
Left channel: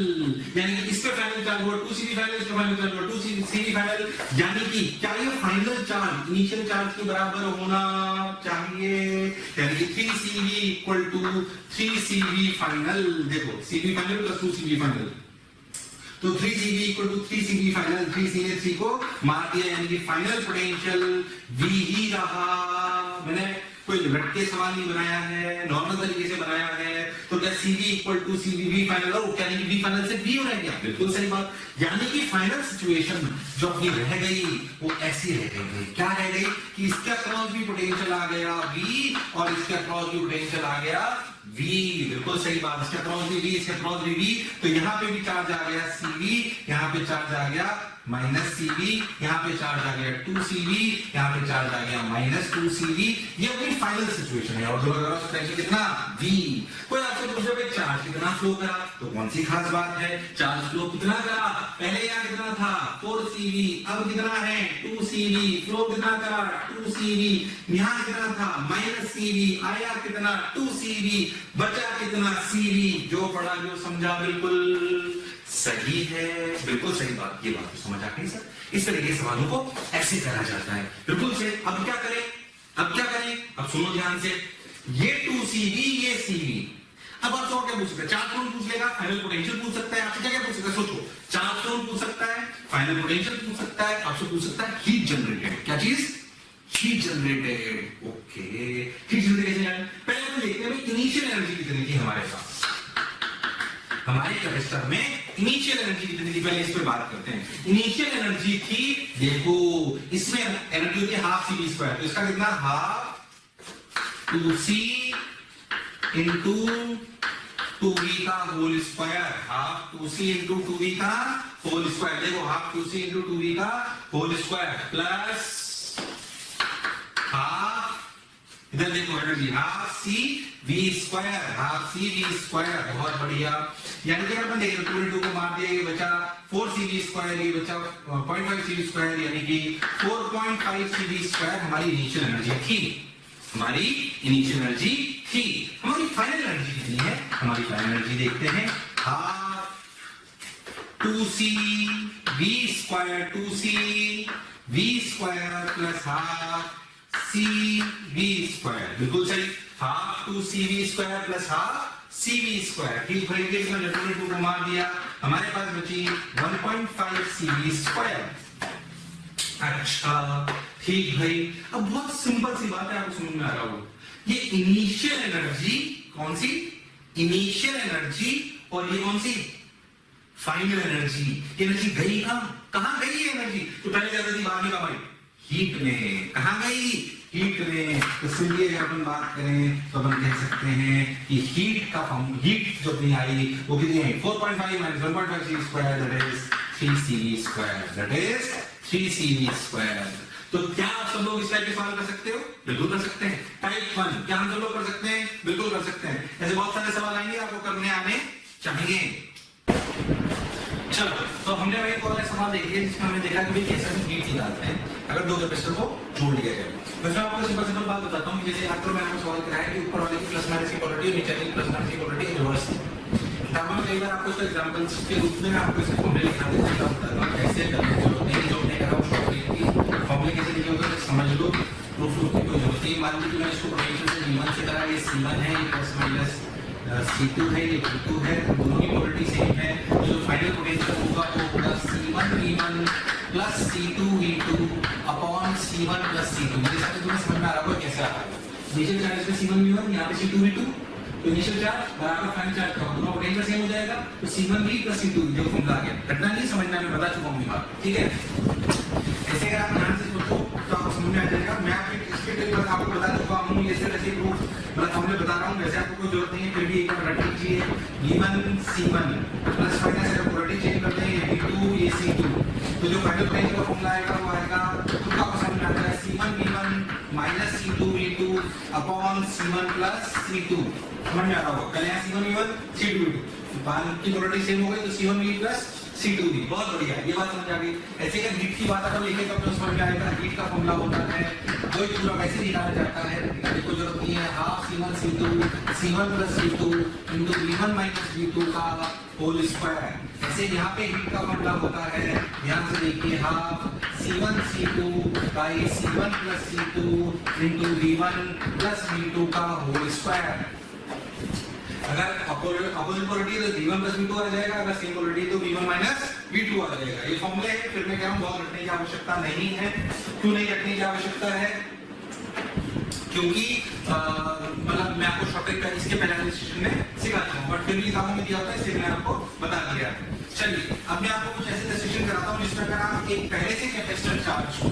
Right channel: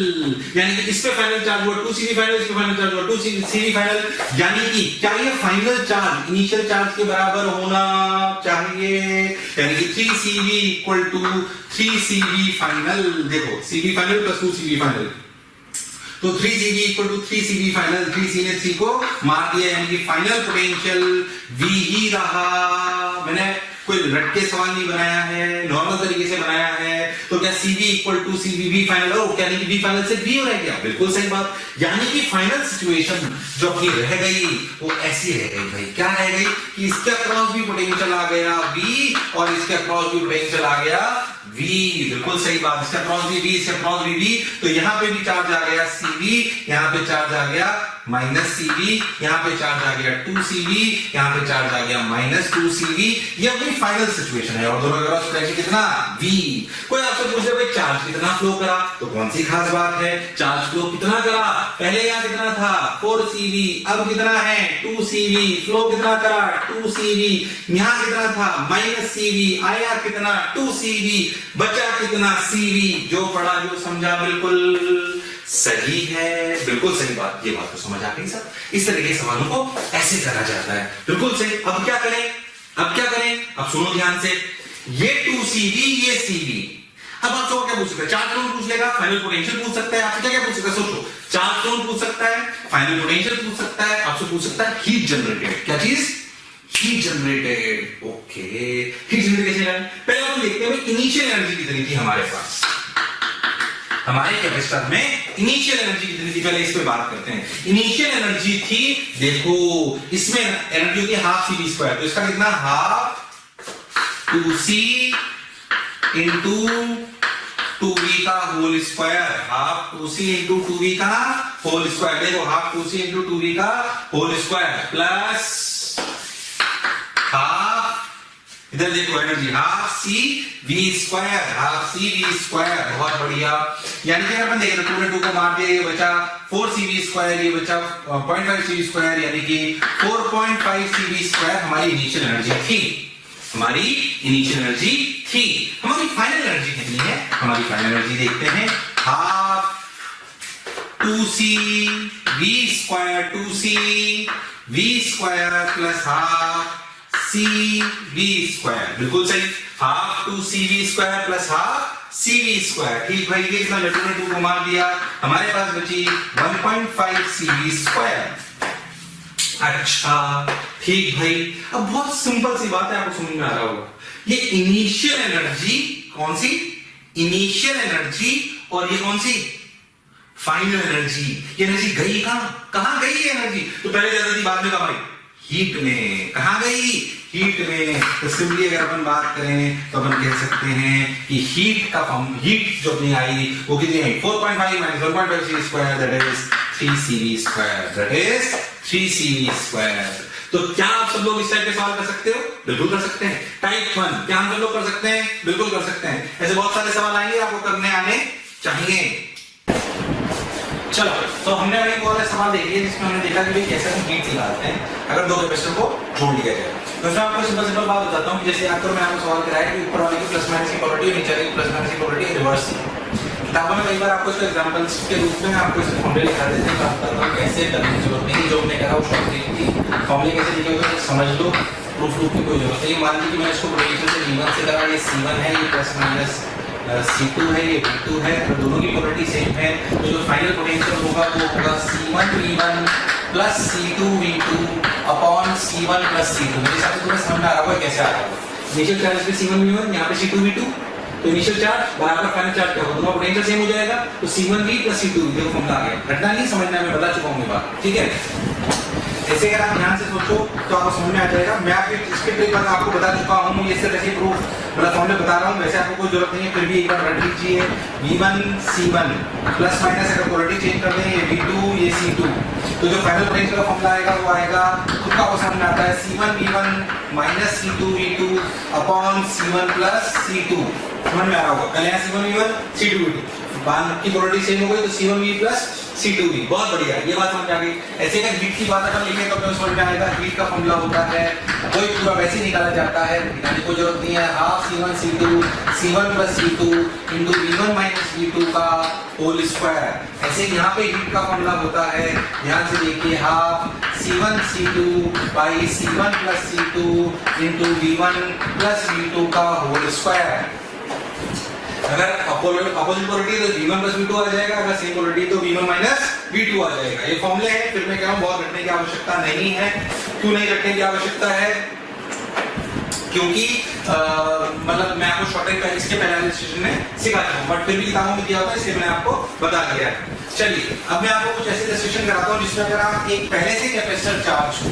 यानी कि इस पे फाइनल चार्ज हुआ 2Cv फाइनल, इस पे फाइनल चार्ज हुआ 2Cv फाइनल, यानी कि क्या ये फाइनल चार्ज इनिशियल चार्ज के बराबर होना चाहिए, यानी कि 3Cv equal to 3Cv final. देखो Cv final plus 2Cv final, तो 3Cv equal to 3Cv final, 3C ने 3 को मार दिया, यानी कि फाइनल पोटेंशियल V ही रहा। मैंने कोई रटके सवाल नहीं बनाया है, नॉर्मल तरीके से बनाया है। तो क्या Cv equal to Cv final हो, क्या नहीं V फाइनल से V हो रह गया, बिल्कुल सही बात। यानी कि फाइनल सिचुएशन जो अपनी रह गई वो ऐसी रह गई भाई, क्या रह गई कि इसके अक्रॉस भी पोटेंशियल आ गया V और इसके अक्रॉस भी पोटेंशियल आ गया V, बिल्कुल सही बात। इसका क्रॉस भी V, इसका क्रॉस भी V, तो यहाँ पे भी चार्ज आ गया Cv, यहाँ पे चार्ज आ गया माइनस Cv, यहाँ पे चार्ज आ गया 2Cv, यहाँ पे चार्ज आ गया माइनस 2Cv। ये अपनी फाइनल सिचुएशन है और दोनों का क्रॉस पोटेंशियल कितना V। कोई आपसे पूछे भाई चार्ज कितना फ्लो करा, तो कौन सी खास बात है, चार्ज फ्लो कितना करा, पहले यहाँ कितना था 4Cv, अब कितना है 2Cv, फ्लो कितना करा 2Cv, यहाँ कितना था माइनस Cv, आया कितना 2Cv, बचा कितना Cv। जो पढ़ा जो समझा बिल्कुल सही है, बिल्कुल सही बात। ये बात तो समझ आ गई सर, इस तरह के सवालों को ऐसे करा जाता है, बिल्कुल सही। अब क्या करें, अब क्या करें, अब सुनो ध्यान से, ये 2Cv ये Cv। अब आप क्या पूछ सकते हैं, चार्ज कौन पूछ लेगा, फाइनल पोटेंशियल पूछ सकता है, आपसे क्या क्या पूछ सकता है, सोचो, चार्ज कौन पूछ सकता है, फाइनल पोटेंशियल पूछ सकता है, आपसे पूछ सकता है हीट जनरेटेड, क्या चीज, heat generated. Okay, heat generated कैसे करें, पहले हम देखते हैं इनिशियल एनर्जी कितनी थी हमारे पास, हमारे कैपेसिटर में इनिशियल एनर्जी कितनी थी, पहले इस पे बात करते हैं। इनिशियल एनर्जी थी, देखो इसमें एनर्जी होती है हाफ Cv स्क्वायर, तो इसका कितना हाफ 2C इंटू 2V का whole square, half 2C into 2V का होल स्क्वायर। देखो हाफ 2C इंटू 2V का होल स्क्वायर प्लस हाफ, इधर देखो energy half CV square, half CV square, बहुत बढ़िया। यानी कि अपन देखें तो 2 को मार दिया, ये बचा 4Cv स्क्वायर, ये बचा 0.5 Cv स्क्वायर, यानी कि 4.5 Cv स्क्वायर हमारी इनिशियल एनर्जी थी, हमारी इनिशियल एनर्जी थी। हमारी फाइनल एनर्जी कितनी है, हमारी फाइनल एनर्जी देखते हैं, half 2CV square, 2CV square plus half CV square, बिल्कुल सही, half 2CV square plus half CV square. ठीक भाई, ये कितना लट्टू ने 2 को मार दिया, हमारे पास बची 1.5 CV स्क्वायर। अच्छा ठीक भाई, अब बहुत सिंपल सी बात है, आपको समझ में आ रहा होगा। ये इनिशियल एनर्जी कौन सी, इनिशियल एनर्जी, और ये कौन सी फाइनल एनर्जी। ये एनर्जी गई कहां, कहां गई ये एनर्जी, तो पहले ज्यादा थी बाद में कहा भाई हीट में, कहां गई हीट में तो सिंपली अगर अपन बात करें तो अपन कह सकते हैं कि हीट का फॉर्म, हीट जो अपनी आई वो कितनी आई 4.5 minus 1.5 cv square, that is 3cv square, that is 3cv square. तो क्या आप सब लोग इस टाइप के सवाल कर सकते हो? बिल्कुल कर सकते हैं। टाइप 1 क्या हम सब लोग कर सकते हैं? बिल्कुल कर सकते हैं। ऐसे बहुत सारे सवाल आएंगे, आपको करने आने चाहिए। चलो, तो हमने वही बहुत सारे सवाल देख लिए जिसमें हमने देखा कि भाई कैसे हम हीट निकालते हैं अगर दो कैपेसिटर को जोड़ लिया जाए। तो इसमें आपको सिंपल बात बताता हूँ कि जैसे याद करो मैं आपको सवाल कराया कि ऊपर वाले की प्लस माइनस की पोलैरिटी और नीचे वाले की प्लस माइनस की पोलैरिटी रिवर्स थी। किताबों में कई बार आपको इसके एग्जांपल्स के रूप में आपको इसके फॉर्मूले लिखा देते हैं, बात करता हूं कैसे करने की जरूरत नहीं, जो हमने करा वो शॉर्ट ट्रिक थी। फॉर्मूले कैसे लिखे होते हैं समझ लो, प्रूफ की कोई जरूरत नहीं। मान लीजिए कि मैंने इसको पोटेंशियल से V1 से करा, ये C1 है, ये प्लस माइनस C2 है, ये V2 है, तो दोनों की पोलैरिटी सेम है, तो जो फाइनल पोटेंशियल होगा वो होगा C1 V1 plus C2 V2 upon C1 plus C2। मेरे हिसाब से तुम्हें समझ में आ रहा होगा कैसे आ रहा होगा। इनिशियल चार्ज पे C1 V1, यहाँ पे C2 V2, तो इनिशियल चार्ज बराबर फाइनल चार्ज क्या होगा, दोनों पोटेंशियल सेम हो जाएगा, तो C1V प्लस C2V देखो फॉर्मूला आ गया। घटना नहीं समझना है, मैं बता चुका हूँ ये बात, ठीक है। ऐसे अगर आप ध्यान से सोचो तो आपको समझ में आ जाएगा। मैं आपके इसके ट्रिक पर आपको बता चुका हूँ, ये सिर्फ ऐसे प्रूफ मतलब फॉर्मूले बता रहा हूँ, वैसे आपको कोई जरूरत नहीं है, फिर भी एक बार रट लीजिए। V1 C1 प्लस माइनस अगर पोलैरिटी चेंज कर दें, ये V2 ये C2, तो जो फाइनल पोटेंशियल का फॉर्मूला आएगा वो आएगा, उसका वो समझ में आता है C1 V1 minus C2 V2 upon C1 plus C2। समझ में आ रहा होगा, पहले यहाँ C1 V1 C2 V2 बान की पोलैरिटी सेम हो गई तो C1V प्लस C2V, बहुत बढ़िया, ये बात समझ आ गई। ऐसे अगर हीट की बात अगर लिखे तो अपने समझ में आएगा, हीट का फॉर्मूला होता है वही पूरा वैसे ही निकाला जाता है, निकालने की कोई जरूरत नहीं है। Half C1 C2 C1 plus C2 into V1 minus V2 का होल स्क्वायर। ऐसे यहाँ पे हीट का फॉर्मूला होता है, ध्यान से देखिए, half C1 C2 by C1 plus C2 into V1 plus V2 का होल स्क्वायर। अगर अपोजिट पोलैरिटी है तो V1 प्लस V2 आ जाएगा, अगर सेम पोलैरिटी तो V1 माइनस V2 आ जाएगा। ये फॉर्मूले हैं, फिर मैं कह रहा हूँ बहुत रटने की आवश्यकता नहीं है। क्यों नहीं रटने की आवश्यकता है? क्योंकि मतलब मैं आपको शॉर्ट ट्रिक इसके पहले वाले सेशन में सिखाता हूँ, बट फिर भी किताबों में दिया होता है, इसलिए मैंने आपको बता दिया है। चलिए अब मैं आपको कुछ ऐसे सेशन कराता हूँ जिसमें अगर आप एक पहले से कैपेसिटर चार्ज को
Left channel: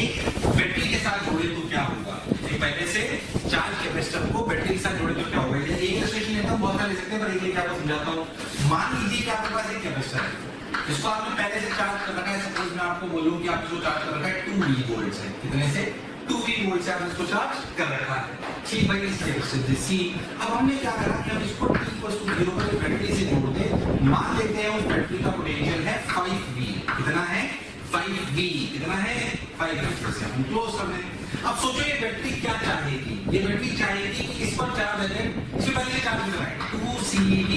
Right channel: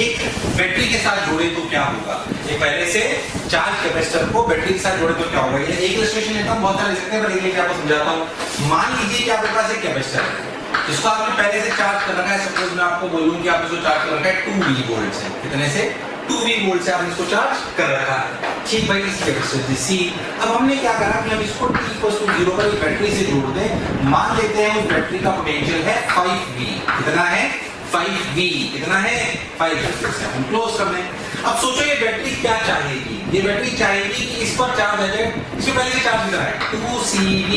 एक बैटरी के साथ जोड़े तो क्या होगा। एक पहले से चार्ज कैपेसिटर को बैटरी के साथ जोड़े तो क्या होगा। ये एक इलस्ट्रेशन लेता हूँ, बहुत सारे ले सकते हैं, पर एक लेके आपको समझाता हूँ। मान लीजिए कि आपके पास एक कैपेसिटर है जिसको आपने पहले से चार्ज कर रखा है। सपोज मैं आपको बोलूं कि आपने इसको चार्ज कर रखा है 2V वोल्ट से, कितने से 2V वोल्ट से आपने इसको चार्ज कर रखा है, ठीक भाई। इस कैपेसिटर C अब हमने क्या करा कि हम इसको T=0 पर एक बैटरी से जोड़ दें। मान लेते हैं उस बैटरी का पोटेंशियल है 5V, कितना है 5V, कितना है 5V से हम क्लोज कर दें। अब सोचो ये बैटरी क्या चाहेगी, ये बैटरी चाहेगी कि इस पर चार्ज आ जाए, इससे पहले से चार्ज कितना है 2CV।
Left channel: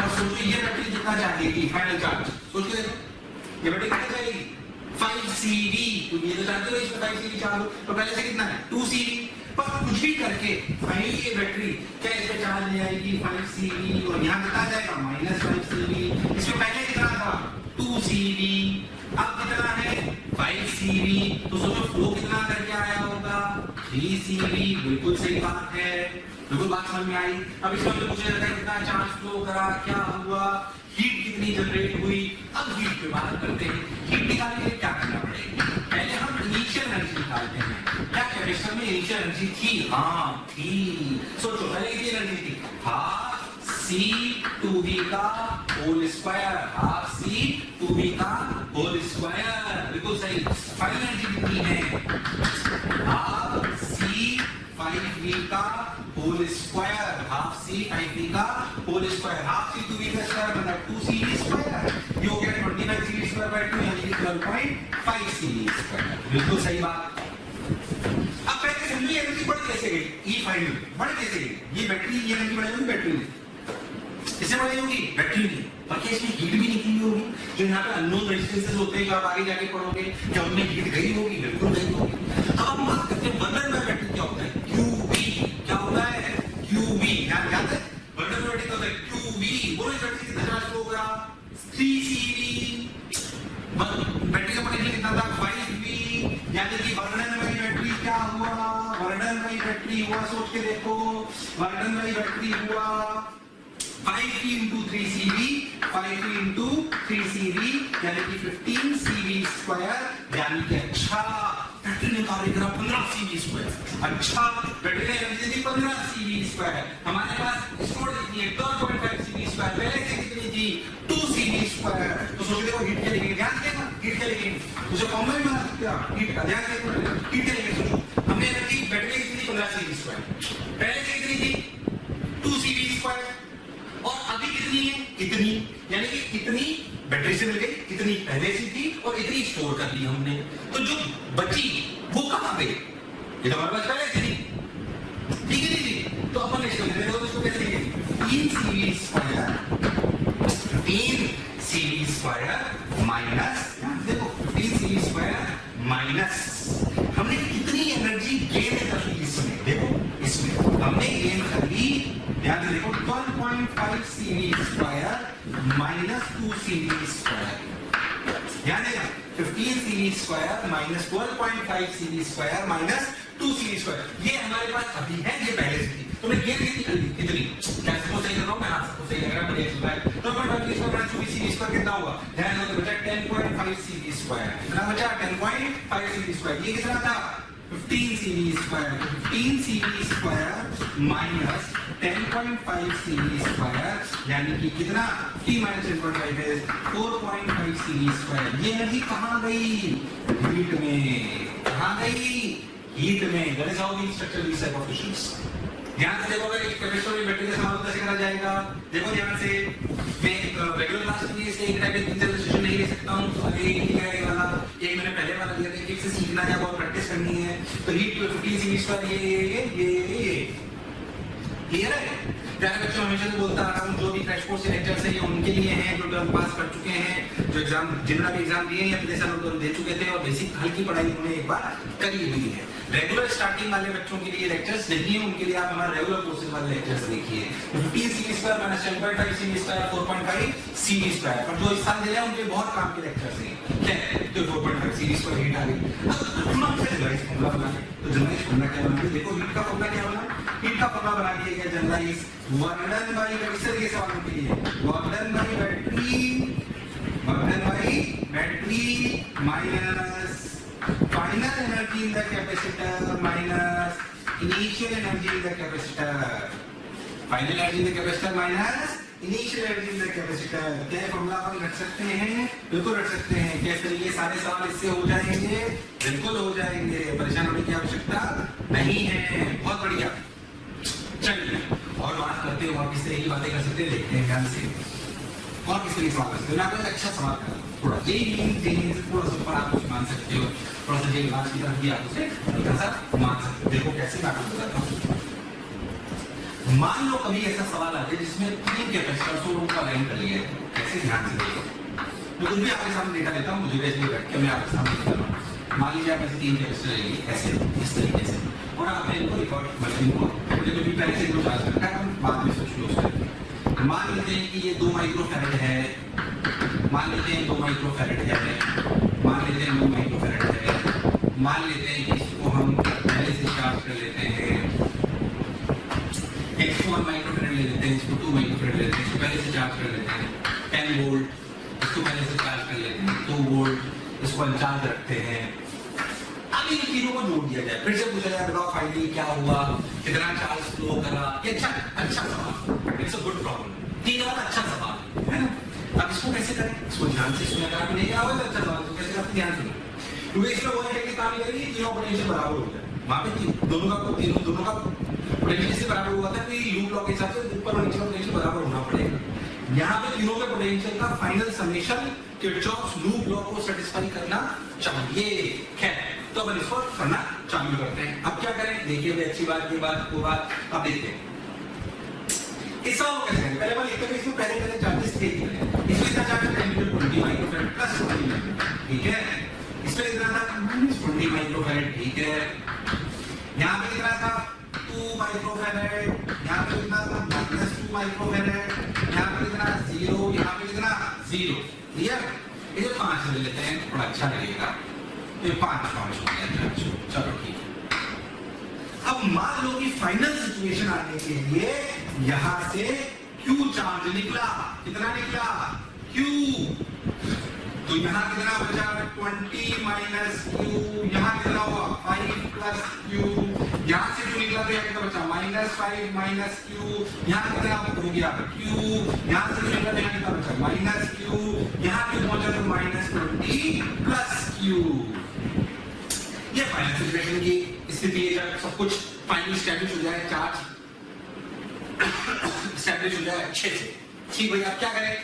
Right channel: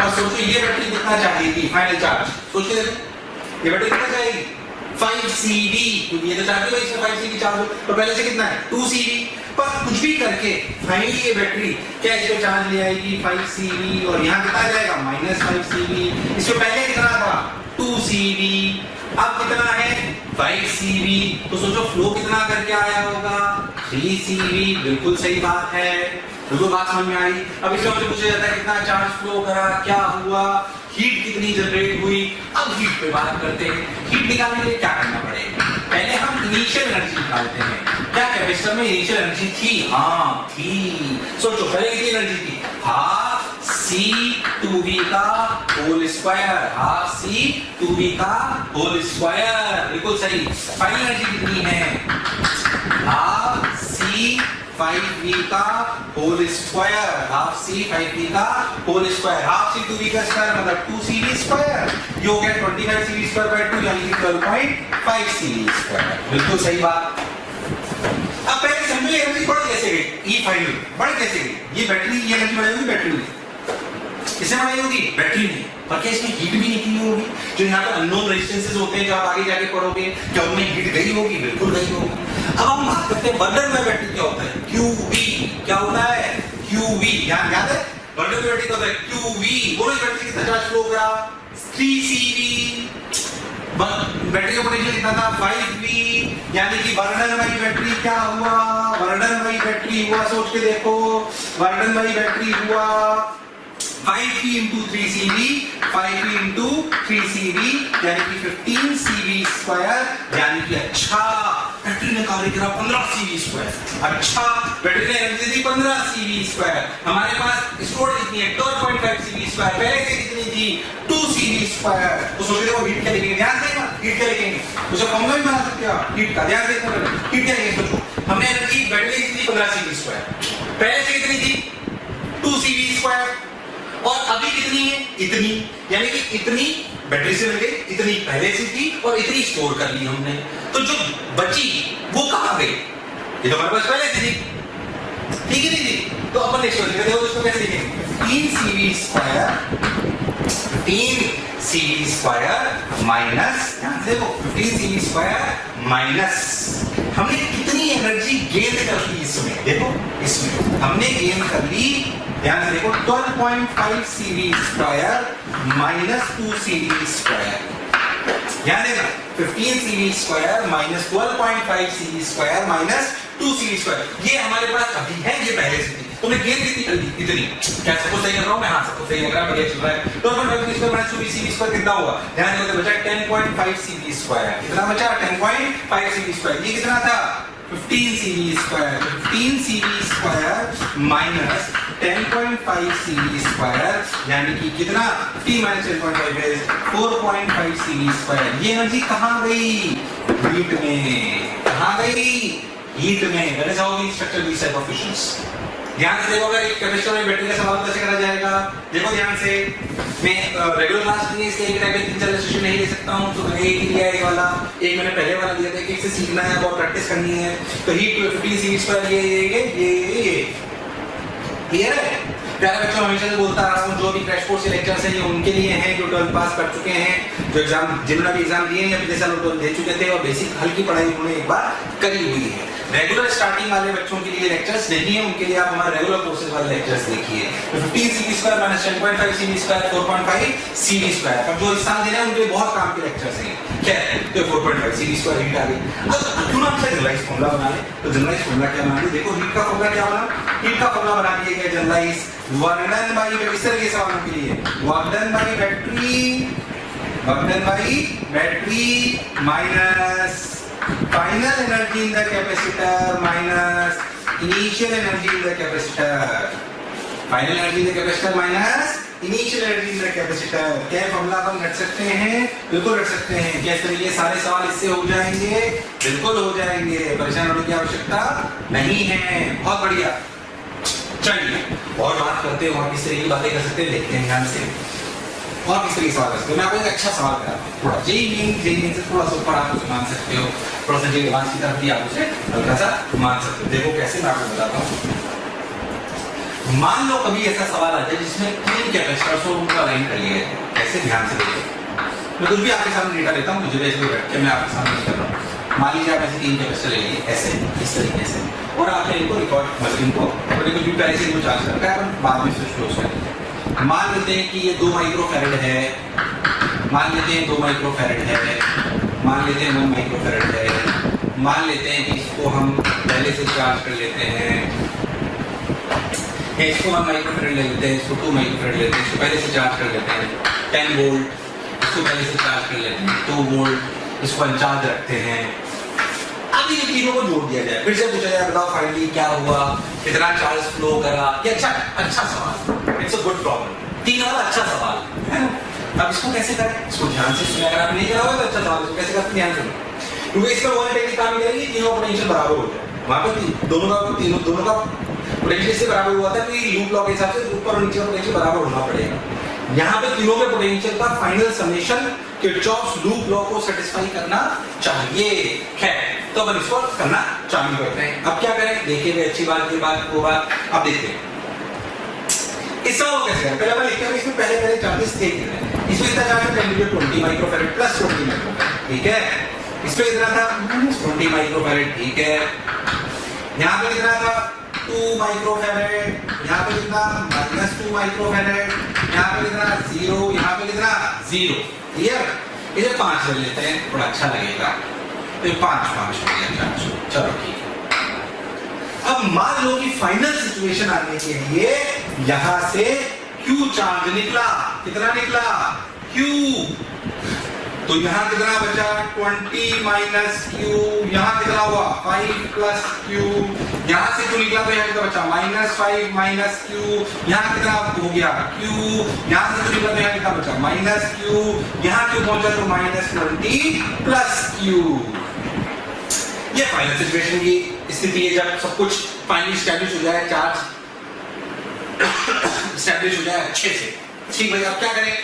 और सोचो ये बैटरी कितना चाहेगी फाइनल चार्ज, सोच के देखो ये बैटरी कितना चाहेगी 5CV, क्योंकि ये तो चाहती है इसमें 5CV चार्ज हो, तो पहले से कितना है 2CV। पर कुछ भी करके फाइनली ये बैटरी क्या इस पे चार्ज ले आएगी 5CV, और यहाँ कितना जाएगा -5CV। इसमें पहले कितना था 2CV, अब कितना है 5CV। तो सोचो फ्लो कितना करके आया होगा 3CV। बिल्कुल सही बात है, बिल्कुल बात समझ में आई। अब इसमें हमसे पूछा जाता है कितना चार्ज फ्लो करा, क्या हुआ, हीट कितनी जनरेट हुई। अब हीट पे बात करते हैं। हीट निकालने के लिए क्या करना पड़ेगा, पहले हम इनिशियल एनर्जी निकालते हैं। क्या कैपेसिटर में इनिशियल एनर्जी थी? हाँ थी। सोचो पहले कितनी एनर्जी थी, हाफ C2V का होल स्क्वायर, हाफ C2V का होल स्क्वायर, बिल्कुल सही। फाइनल एनर्जी कितनी है, हाफ C5V का होल स्क्वायर, हाफ C5V का होल स्क्वायर, हाफ C2V का स्क्वायर मतलब 2CV स्क्वायर, ये हो गया 25CV स्क्वायर बाय 2 यानी कि 12.5CV स्क्वायर। बिल्कुल सही बात। अब पहले समझो ये एनर्जी बढ़ कैसे गई, ई फाइनल बढ़ कैसे गई। ये बैटरी, ये एनर्जी बढ़ाई होगी बैटरी ने, किससे बढ़ाई होगी बैटरी ने, पर क्या इसमें हीट भी निकली होगी। जो यहाँ पे अननोन रेजिस्टेंसेस होते हैं जो आप आगे जाके पढ़ोगे, क्या उनमें हीट गई होगी, बिल्कुल गई होगी। अब हम बात करते हैं बर्नर में बैटरी क्या होता है, QV क्या होता है, QV याद है, बर्नर में बैटरी क्या होता है QV। बोलो बैटरी कितना चार्ज फ्लो करा 3CV, बैटरी का पोटेंशियल कितना था 5V, यानी कि बर्नर वाली बैटरी क्या हुआ, बर्नर वाली बैटरी हुआ, सोच के देखो, बर्नर वाली बैटरी हुआ 5V into 3CV, 5V into 3CV यानी कि 15CV स्क्वायर, यानी कि अच्छा बैटरी ने कार्य करा 15 CV²। अच्छा, बैटरी ने एनर्जी दी 15 CV²। हमारे पास स्टोर्ड कितनी है 12.5 CV², पहले से कितनी थी 2 CV²। तो सोच रहे हो हीट क्या लिखेंगे, ध्यान से हीट क्या लिखेंगे, तो जो फॉर्मूला भी बना सकते हो हीट का, ध्यान से हीट क्या लिखेंगे। सोचो हमने एनर्जी बैटरी की कितनी 15 CV², पहले से कितनी थी 2 CV², और अभी कितनी है इतनी, यानी कि इतनी बैटरी से मिल गई, इतनी पहले से थी और इतनी स्टोर कर ली हमने। तो जो बची वो कहां गई, ये तो हमारे पास पहले से थी, ठीक है नहीं थी, तो अपन नेक्स्ट लिखते हैं, उसको कैसे लिखेंगे 15 CV² माइनस, ध्यान से देखो 15 CV² माइनस हमने कितनी एनर्जी गेन कर ली इसमें, देखो इसमें हमने गेन कर ली, ध्यान से देखो 12.5 CV² माइनस 2 CV², ध्यान देना 15 CV² minus 12.5 CV² minus 2 CV², ये हमारे पास अभी है, ये पहले से थी। तुमने गेन कितनी कर दी, इतनी, क्या सबको सही कर रहा हूं मैं, हां सबको सही लग रहा है, बढ़िया चल रहा है। 12.5 माइनस 2 CV² कितना हुआ, ध्यान देना बचा 10.5 CV², कितना बचा 10.5 CV², ये कितना था 15 CV², 15 CV² माइनस 10.5 CV², यानी कि कितना 15 माइनस 10.5 है 4.5 CV²। ये एनर्जी कहां गई, हीट में, कहां गई हीट में। That is how we structure these type of fissions. ध्यान से देखो, अगर एक कैपेसिटर में बैटरी का सवाल कैसे करा जाएगा, देखो ध्यान से, मैं रेगुलर क्लास में इसलिए एक टाइप के 3-4 सेशन नहीं ले सकता हूं, तो मैंने एक ही लिया, एक वाला, एक मैंने पहले वाला दिया था, एक से सीखना है, बहुत प्रैक्टिस करनी है। तो हीट 15 CV² ये क्लियर है प्यारे बच्चों, हमेशा से बोलता आ रहा हूँ, जो भी क्रैश कोर्स के लेक्चर्स हैं ये उनके लिए हैं जो 12th पास कर चुके हैं, जो एग्जाम जिन्होंने भी एग्जाम दिए हैं या पिछले साल लोग दे चुके थे और बेसिक हल्की पढ़ाई उन्होंने एक बार करी हुई है। रेगुलर स्टार्टिंग वाले बच्चों के लिए लेक्चर्स नहीं है, उनके लिए आप हमारे रेगुलर कोर्सेज वाले लेक्चर्स देखिए। 15 CV² माइनस 10.5 CV², 4.5 CV², पर जो इस साल देने हैं उनके लिए बहुत काम के लेक्चर्स हैं। क्या है, तो 4.5 CV² हीट आ गई। अब क्यों ना हम जनरलाइज फॉर्मूला बना ले, तो जनरलाइज फॉर्मूला क्या बना ले, देखो हीट का फॉर्मूला क्या बना, हीट का फॉर्मूला बना दिया गया जनरलाइज, वर्क डन बाय, इस तरह के सवालों के लिए work done by battery minus final energy in the capacitor minus initial energy in the capacitor, final energy in the capacitor minus initial energy in the capacitor. क्या formula हम रख सकते हैं, बिल्कुल रख सकते हैं। कैसे, ये सारे सवाल इससे हो जाएंगे, बिल्कुल हो जाएंगे, परेशान होने की आवश्यकता नहीं है। बहुत बढ़िया, चलिए और बात करते हैं, और किस तरह की बातें कर सकते हैं देखते हैं ध्यान से, और किस तरह की सवाल कर सकते हैं। मैं आपको एक अच्छा सवाल कराता हूँ, थोड़ा जेईई से थोड़ा सा ऊपर आप उसे मान सकते हो, थोड़ा सा जेईई की तरफ भी आप उसे हल्का सा मान सकते हो। देखो कैसे, मैं आपको बताता हूँ। मान लो कभी ऐसा सवाल आ जाए जिसमें 3 कैपेसिटर्स को उनको अलाइन कर लिया है, कैसे, ध्यान से देखो। मैं कुछ भी आपके सामने डेटा लेता हूँ, मुझे वैसे बैठ के मैं आपके सामने कर रहा हूँ। मान लीजिए आप ऐसे 3 कैपेसिटर ले लिए ऐसे, इस तरीके से, और आपने इनको रिकॉर्ड मशीन को कुछ भी पहले से इनको चार्ज रखा है, अपन बाद में स्विच क्लोज करेंगे। मान लेते हैं कि ये 2 माइक्रोफैरड है, मान लेते हैं 2 माइक्रोफैरड है, मान लेते हैं 1 माइक्रोफैरड है, मान लेते हैं कि इसको हम पहले से चार्ज कर लेते हैं, इसको 1 माइक्रोफैरड ले लेते हैं, इसको 2 माइक्रोफैरड लेते हैं, इसको पहले से चार्ज कर लेते हैं 10 वोल्ट, इसको पहले से चार्ज कर लेते हैं 2 वोल्ट, इसको अनचार्ज रखते हैं। अब इन तीनों को जोड़ दिया जाए, फिर से पूछा जाए बताओ फाइनली क्या हुआ, कितना चार्ज फ्लो करा। ये अच्छा सवाल, इट्स अ गुड प्रॉब्लम, 3 वाला अच्छा सवाल है ना। अब इसको कैसे करें, इसको ध्यान से सुनिए, अगर आप नहीं करा होगा तो अच्छा सवाल, इसको कैसे करते ध्यान सुनो, क्योंकि इसमें वो टेक्निक काम करेगी, तीनों पोटेंशियल बराबर हो जाए, वहां पर दोनों का पोटेंशियल से बराबर हुआ था, कि लूप लॉ के हिसाब से ऊपर और नीचे का पोटेंशियल बराबर होना पड़ेगा। यहाँ पे तीनों के पोटेंशियल का final summation Kirchhoff's loop law को सेटिस्फाई करना चाहिए। खैर, तो अपन इसको करना चालू करते हैं। अब क्या करें, देखिए अच्छी बात, ये बात, वो बात, अब देखते हैं इस सवाल को कैसे करें। पहले अपन लिखते हैं, इसमें पहले चार्जेस थे, इसमें इतना चार्ज है 20 माइक्रोफैरड प्लस 20 माइक्रोफैरड, ठीक है। इसमें कितना था 20 माइक्रोफैरड, ठीक है। यहाँ पे कितना था 2 माइक्रोफैरड, यहाँ पे कितना -2 माइक्रोफैरड, यहाँ पे कितना 0, यहाँ पे कितना 0, क्लियर। इसे 5 ले लेते हैं, थोड़ा अच्छा लगेगा, तो 5 हो गया, चलो ठीक है। अब मान लो कि फाइनल सिचुएशन आने के लिए यहां से Q चार्ज निकला, कितना निकला Q, तो यहाँ कितना बचा 20 माइनस क्यू, यहाँ कितना हुआ 5 प्लस क्यू, यहाँ से क्यू निकला तो यहाँ कितना बचा -5 माइनस क्यू, यहाँ कितना हो गया क्यू, यहाँ से क्यू निकला तो यहाँ कितना बचा माइनस क्यू, यहाँ क्यू पहुंचा तो -20 प्लस क्यू। ये फाइनल सिचुएशन की स्थिति है जब सब कुछ फाइनली स्टैब्लिश हो जाए, चार्ज स्टैब्लिश हो जाए अच्छे से। ठीक भाई, अब क्या करें?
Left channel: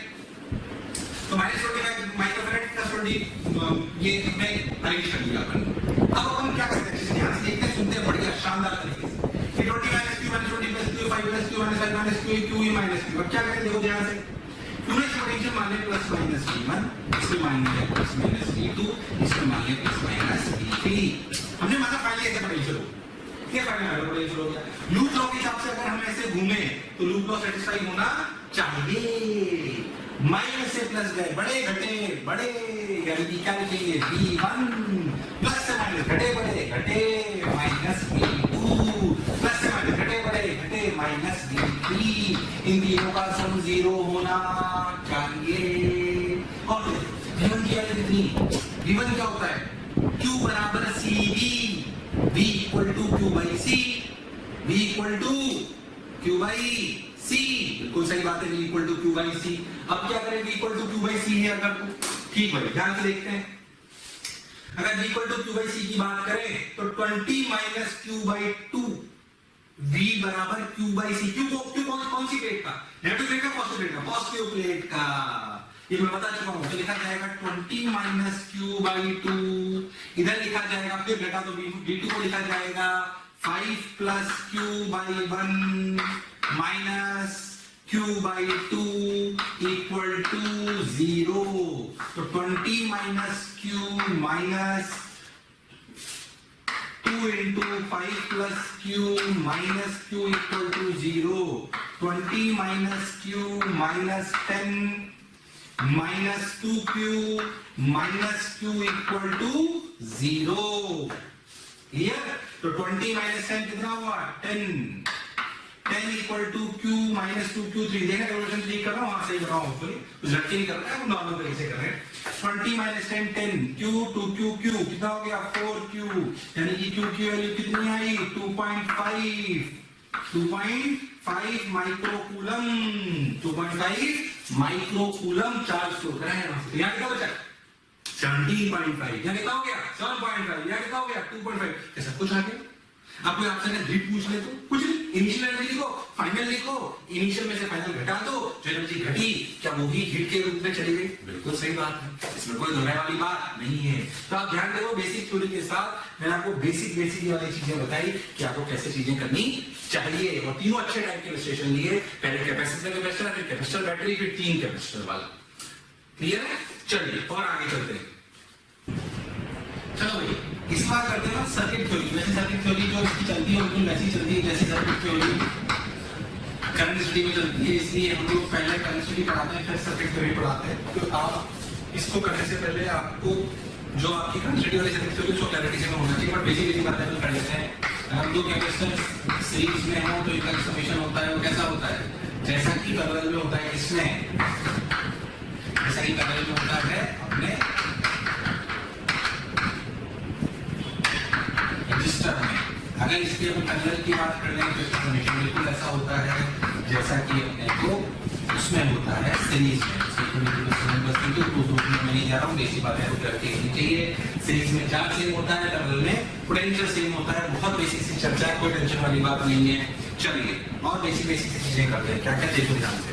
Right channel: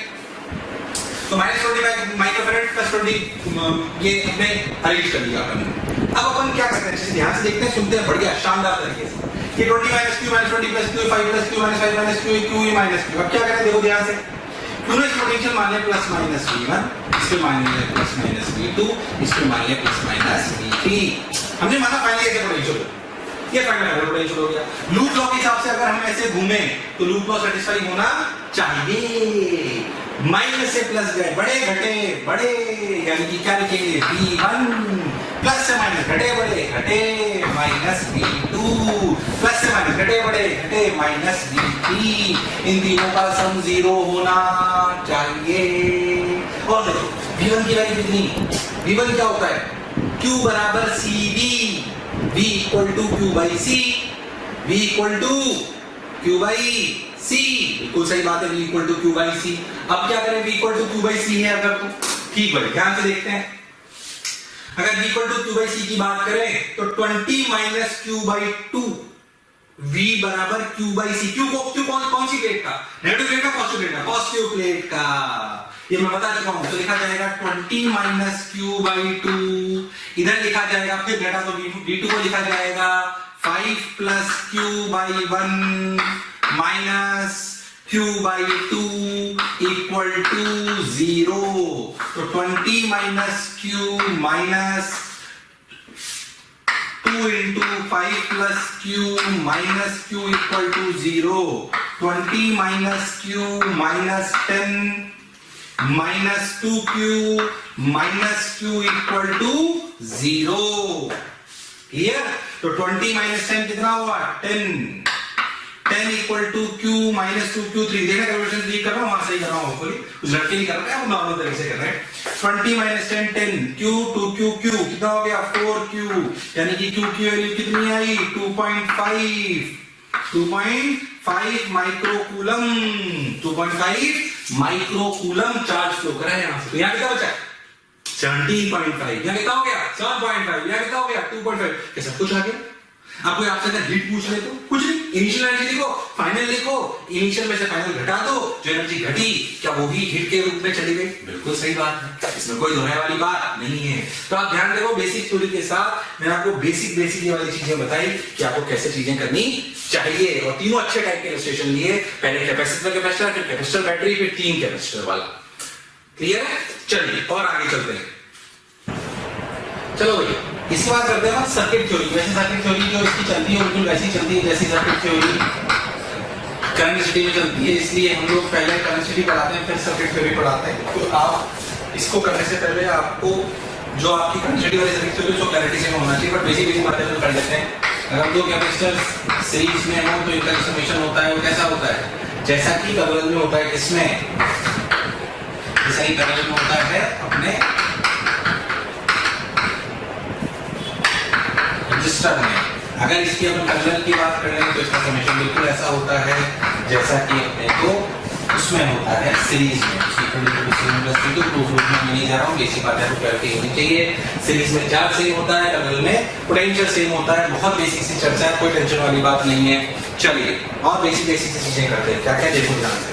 तो -25 माइक्रोफैराड प्लस 20 ये हमने अरेंज कर लिया अपन। अब अपन क्या करते हैं, जैसे ध्यान से देखते हैं, सुनते हैं, बढ़िया शानदार तरीके से कि 20 minus Q minus 20 plus Q 5 plus Q minus 5 minus Q Q minus Q. अब क्या करें, देखो ध्यान से, क्यू ने पोटेंशियल मान लिया प्लस माइनस v1, इसके मान लिया प्लस माइनस v2, इसके मान लिया प्लस माइनस v3। हमने माना फाइनली ऐसे पोटेंशियल हो, ये फाइनल पोटेंशियल हो गया। लूप लॉ के हिसाब से अगर हम ऐसे घूमे तो लूप लॉ सेटिस्फाई होना चाहिए। माइनस से प्लस गए, बड़े घटे बड़े, यानी कि क्या लिखेंगे v1, प्लस से माइनस घटे बड़े घटे, माइनस v2, प्लस से माइनस घटे बड़े घटे, माइनस v3। इन तीनों का सम 0 होना चाहिए। और देखो v1 की वैल्यू कितनी, v1 क्या होता है, q बराबर cv, v equal to q by c, v equal to q by c, बिल्कुल सही बात है, v equal to q by c। अब क्या करें, v equal to q by c है अगर तो, ठीक भाई ध्यान से देखते हैं, अगर v equal to q by c की बात करें तो 20 माइनस q बाई 2, v बराबर q बाई c। q कौन सी प्लेट का, नेगेटिव प्लेट का पॉजिटिव प्लेट का, पॉजिटिव प्लेट का, ये मैं बता चुका हूं। तो लिखा जाएगा 20 माइनस q बाई 2, इधर लिखा जाएगा, फिर बेटा तो v2 को लिखा जाएगा 5 plus q by 1 minus q by 2 equal to 0। तो 20 minus q minus 2 into 5 plus q minus q equal to 0। 20 minus q minus 10 minus 2q minus q equal to 0। Clear? तो 20 माइनस 10 कितना हुआ 10, 10 equal to q minus 2q3। देखना calculation ठीक कर रहा हूं, वहां सही कर रहा हूं, होपफुली कुछ लड़के नहीं कर रहे हैं, वो नॉर्मल तरीके से कर रहे हैं। 20 माइनस 10 10, q 2q q कितना हो गया 4q, यानी कि q की वैल्यू कितनी आई 2.5 माइक्रोकूलम, 2.5 माइक्रोकूलम चार्ज फ्लो कर रहा है यहां से। तो यहां कितना बचा 17.5, यहां कितना हो गया 7.5, यहां कितना हो गया 2.5। क्या सब कुछ आ गया? अब कोई आपसे अगर हीट पूछ ले तो कुछ नहीं, इनिशियल एनर्जी लिखो, फाइनल लिखो, इनिशियल में से फाइनल घटा दो, जो एनर्जी घटी क्या वो भी हीट के रूप में चली गई? बिल्कुल सही बात है, इसमें कोई दोहराने वाली बात नहीं है। तो आप ध्यान देखो, बेसिक थ्योरी के साथ मैंने आपको बेसिक ये वाली चीजें बताई कि आपको कैसे चीजें करनी चाहिए, और तीनों अच्छे टाइप के इलस्ट्रेशन लिए, पहले कैपेसिटर कैपेसिटर, फिर कैपेसिटर बैटरी, फिर 3 कैपेसिटर वाला। क्लियर है? चलिए और आगे चलते हैं। चलो भैया इसके बाद करते हैं सर्किट थ्योरी। वैसे सर्किट थ्योरी जो इसकी चलती है बिल्कुल वैसी चलती है जैसी सर्किट थ्योरी करंट स्टडी में चलती है, इसलिए हम लोग पहले करंट स्टडी पढ़ाते हैं फिर सर्किट थ्योरी पढ़ाते हैं। तो आप इसको करने से पहले आपको जो आपकी करंट स्टडी वाली सर्किट थ्योरी उसको क्लैरिटी से होना चाहिए, बट बेसिक बातें तो कर लेते हैं। अगर दो कैपेसिटर सीरीज में हो तो इनका समेशन होता है वो कैसा होता है, जैसा कि पैरेलल में होता है, इसमें जैसा ही पैरेलल में होता है अपने रजिस्टर में। अगर इसकी अपन पैरेलल की बात करें तो इसका समेशन बिल्कुल ऐसा होता है जैसा कि अपने को उसमें होता है सीरीज में। तो प्रूफ रूप में मैं नहीं जा रहा हूँ, बेसिक बातें आपको क्लैरिटी होनी चाहिए। सीरीज में चार्ज सेम होता है, पैरेलल में पोटेंशियल सेम होता है। बहुत बेसिक सी चर्चा है, कोई टेंशन वाली बात नहीं है। चलिए और बेसिक सी चीजें करते हैं। क्या क्या देखो ध्यान से,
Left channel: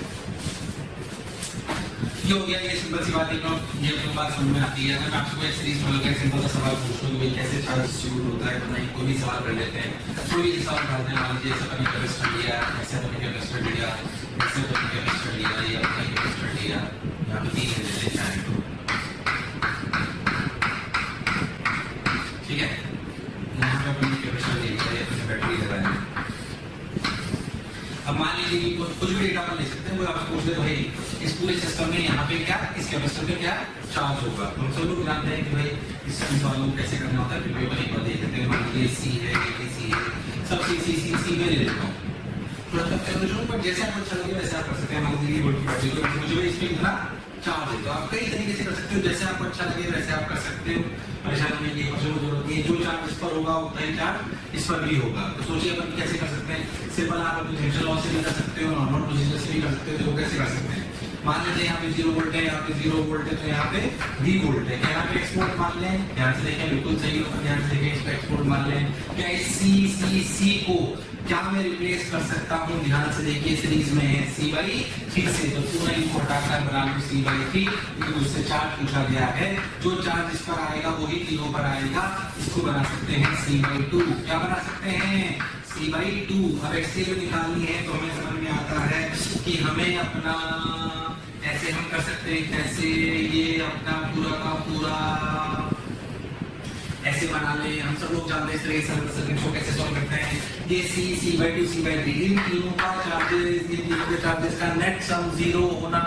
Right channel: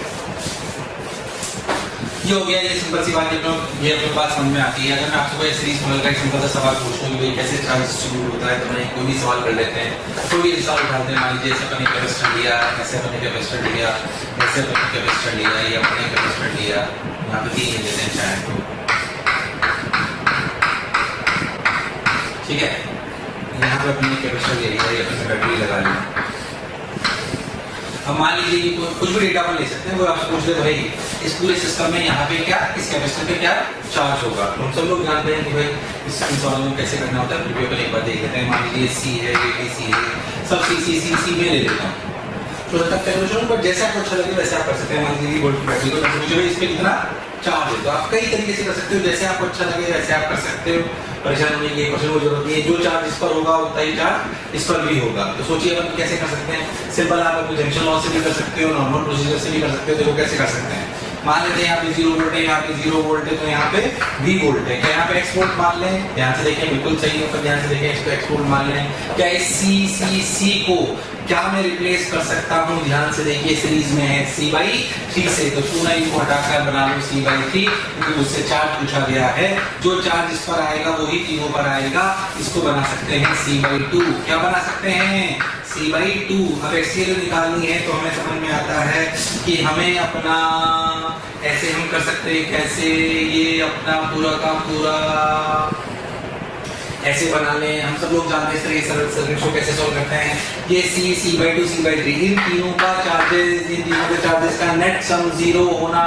ये हो गया, ये सिंपल सी बात है, ये अपने बात समझ में आती है। अगर मैं आपसे कोई सीरीज पैरेलल का सिंपल सा सवाल पूछूं कि भाई कैसे चार्ज डिस्ट्रीब्यूट होता है, तो मैं कोई भी सवाल कर लेते हैं, कोई भी सवाल उठाते हैं। मान लीजिए ऐसे अपने कैपेसिटर लिया, ऐसे अपने कैपेसिटर लिया, ऐसे अपने कैपेसिटर लिया, ये अपने कैपेसिटर लिया, यहाँ पे 3 लेते हैं चाहे तो, ठीक है। यहाँ पे अपने कैपेसिटर ले लिया, ये अपने बैटरी लगा ली। अब मान लीजिए कि कुछ भी डेटा अपन ले सकते हैं, वो आपसे पूछ दे भाई इस पूरे सिस्टम में यहाँ पे क्या, इस कैपेसिटर पे क्या चार्ज होगा, तो हम सब लोग जानते हैं कि भाई इस सवाल में कैसे करना होता है। प्रीवियस एक बार देख लेते हैं। मान लीजिए सी है, ये सी है, सब सी में ले लेता हूँ। छोटा कैलकुलेशन, बट जैसे आपको अच्छा लगे वैसे आप कर सकते हैं। मान लीजिए वोल्ट की बैटरी को मुझे इस पे कितना चार्ज है, तो आप कई तरीके से कर सकते हो, जैसे आपको अच्छा लगे वैसे आप कर सकते हो। परेशान होने की जरूरत नहीं है, जो चार्ज इस पर होगा उतना ही चार्ज इस पर भी होगा। तो सोचिए अपन कैसे कर सकते हैं। सिंपल आप अपने जंक्शन लॉ से भी कर सकते हो, नॉर्मल प्रोसीजर से भी कर सकते हो। देखो कैसे कर सकते हैं। मान लेते हैं यहाँ पे 0 वोल्ट है, यहाँ पे 0 वोल्ट है, तो यहाँ पे V वोल्ट है। क्या यहाँ पे X वोल्ट मान लें? ध्यान से देखें, बिल्कुल सही है, ध्यान से देखें, इसको X वोल्ट मान लें। क्या इस C को क्या मैं रिप्लेस कर सकता हूँ? ध्यान से देखिए, सीरीज में है C/3 से, तो क्यों ना इनको हटाकर बना लूं C/3, क्योंकि मुझसे चार्ज पूछा गया है। जो चार्ज इस पर आएगा वही तीनों पर आएगा। इसको बना सकते हैं C/2। क्या बना सकते हैं? C/2। अब एक्सएल निकालनी है तो हमें समझ में आता है कि हमें अपना ऐसे हम कर सकते हैं। कैसे? ये अपना पूरा का पूरा ऐसे बना लें। हम सब लोग जानते हैं इस तरह सरल सर्किट को कैसे सॉल्व करते हैं। ये C/2 C/3, इन तीनों का चार्जेस, इन तीनों के चार्जेस का नेट सम 0 होना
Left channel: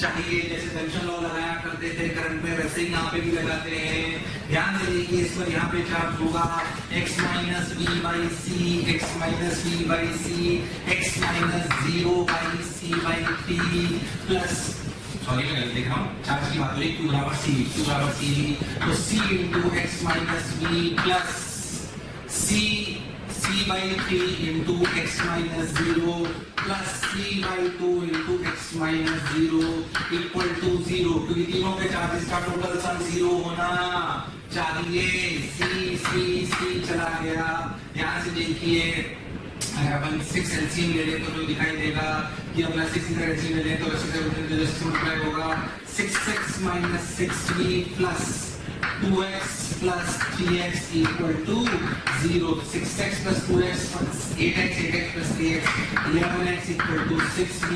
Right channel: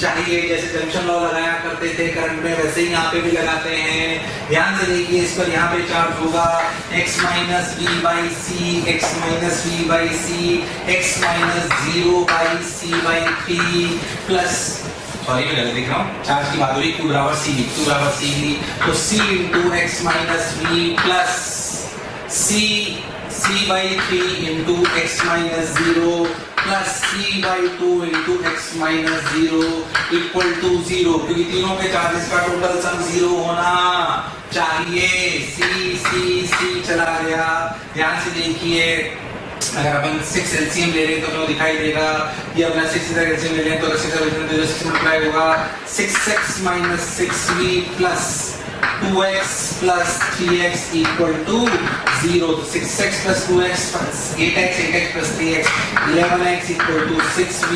चाहिए। जैसे जंक्शन लॉ लगाया करते थे करंट में, वैसे ही यहाँ पे भी लगाते हैं। ध्यान से देखिए, इस पर यहाँ पे चार्ज होगा x minus V/C, x minus V/C, x minus 0/C/3 plus, sorry मैं गलत देख रहा हूँ, चार्ज की बात हो रही, Q बराबर CV, तो C into x minus V plus C/3 into x minus 0 plus C/2 into x minus 0 equal to 0, क्योंकि तीनों के चार्जेस का टोटल सम 0 होना चाहिए। C चला गया। ध्यान से देखिए, अगर अपन 6 एलसीएम ले रहे हैं तो हमें दिखाई देगा कि अपना 6 इधर एलसीएम ले लें तो 6 मल्टीप्लाई होगा 6x minus 6v plus 2x plus 3x equal to 0। 6x plus 2x 8x plus 3x 11x equal to 6v।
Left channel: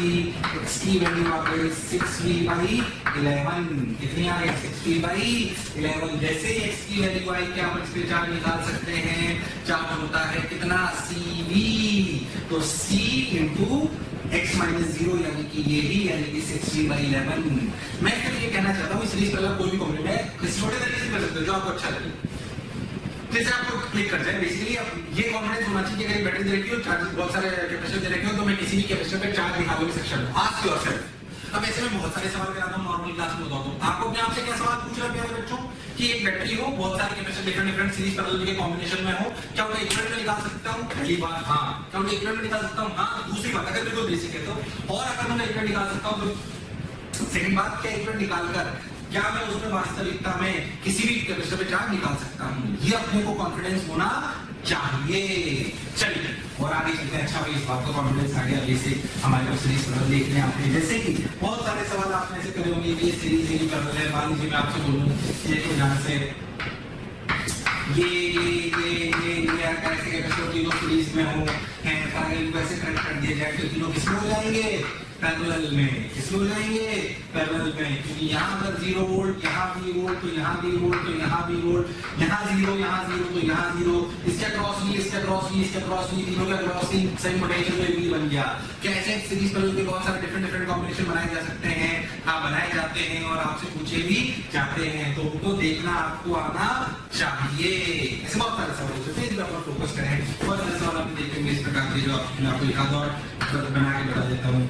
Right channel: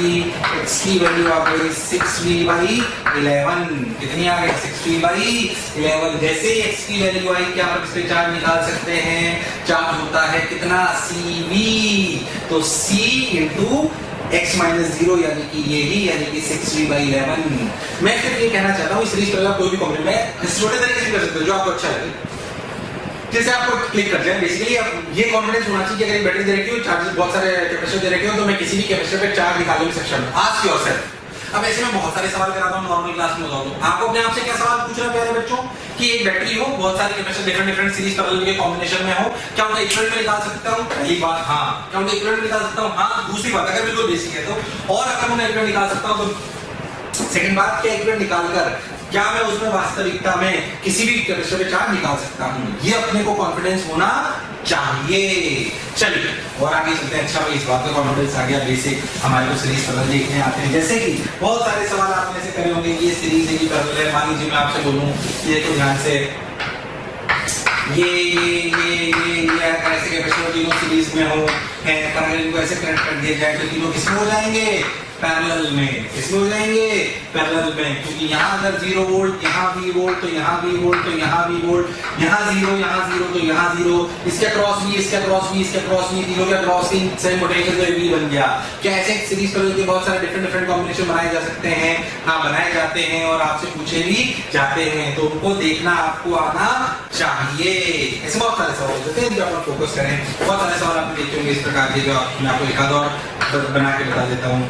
x की वैल्यू आ गई 6v/11। कितनी आ गई? 6v/11। जैसे ही x की वैल्यू आई, क्या हम इस पे चार्ज निकाल सकते हैं? चार्ज होता है कितना? CV, तो C इंटू x माइनस 0 यानी कि ये ही, यानी कि 6v/11। मैं सिर्फ ये कहना चाहता हूँ, इस सीरीज पर कोई भी कमेंट में इस छोटे तरीके से कर सकते हो जो आपको अच्छा लगे, जैसे आपको क्लिक कर जाए। बेसिकली आप ये कॉन्फिडेंस होना चाहिए कि अगर बैटरी दे रखी हो, चार्जेस बहुत सारे कैपेसिटर दे रखे हो, तो मैं किसी भी कैपेसिटर पे चार्ज निकालने में सक्षम हूं। Ask yourself. अब ऐसे में बहुत सारे सवाल कराता हूं नॉर्मल क्लास में होता हूं। आपको अपने आप से क्या सवाल पूछना है प्यारे बच्चों कि एक बैटरी हो, बहुत सारे कैपेसिटर डिफरेंट सीरीज पैरेलल के कॉम्बिनेशन में हो, क्या उनका इक्विवेलेंट में निकाल सकता हूं? पहली बात हाँ। क्या उनका इक्विवेलेंट निकाल सकता हूं? हाँ। दूसरी बात, अगर बिल्कुल बेसिक है तो, और अगर मैं इक्विवेलेंट निकाल सकता हूं तो सेकंड बात, क्या इक्विवेलेंट निकालकर क्या मैं उसमें वास्तविकता में किसी भी कैपेसिटर पे चार्ज निकाल सकता हूं? ये अपने को कॉन्फिडेंस होना चाहिए। चलिए और आगे चलते हैं। अच्छा भाई, इस बात का कॉन्फिडेंस आ गया, बेसिक हमारे को सीरीज पैरेलल देखने आते हैं। जैसे कि बहुत सारे सवाल आपने ऐसे करे होंगे कि ये सीरीज है कि पैरेलल है। मान लीजिए मैं आपसे बोलूं, ये तो ध्यान से, ये ऐसे कैपेसिटर तीनों सीरीज में हो है, पैरेलल को ऐसे कनेक्ट कर दिया जाए तो तीनों किसमें हो जाएंगे? पैरेलल में। किसमें हो जाएंगे? पैरेलल में। क्योंकि यहाँ अगर 0 वोल्ट, यहाँ V वोल्ट, तो यहाँ V वोल्ट, तो यहाँ V वोल्ट, यहाँ 0, यहाँ 0, तो यहाँ 0, इसके क्रॉस V, इसके क्रॉस V, इसके क्रॉस V, तीनों के क्रॉस V सेम पोटेंशियल तो V बन गया। क्या ऐसे सीरीज पैरेलल के बहुत सारे डिफरेंट कॉम्बिनेशन बनाए जा सकते हैं? हाँ, बनाए जाते हैं और आपसे पूछे भी जाते हैं, तो उनको देखना आपको आना चाहिए। ऐसे बहुत सारे सवाल होते हैं जो आप फोकस करें। बहुत सारे सवाल आपने देखे होंगे इस प्रकार के, जो मैं आपको एक आध और बना के बता देता हूँ।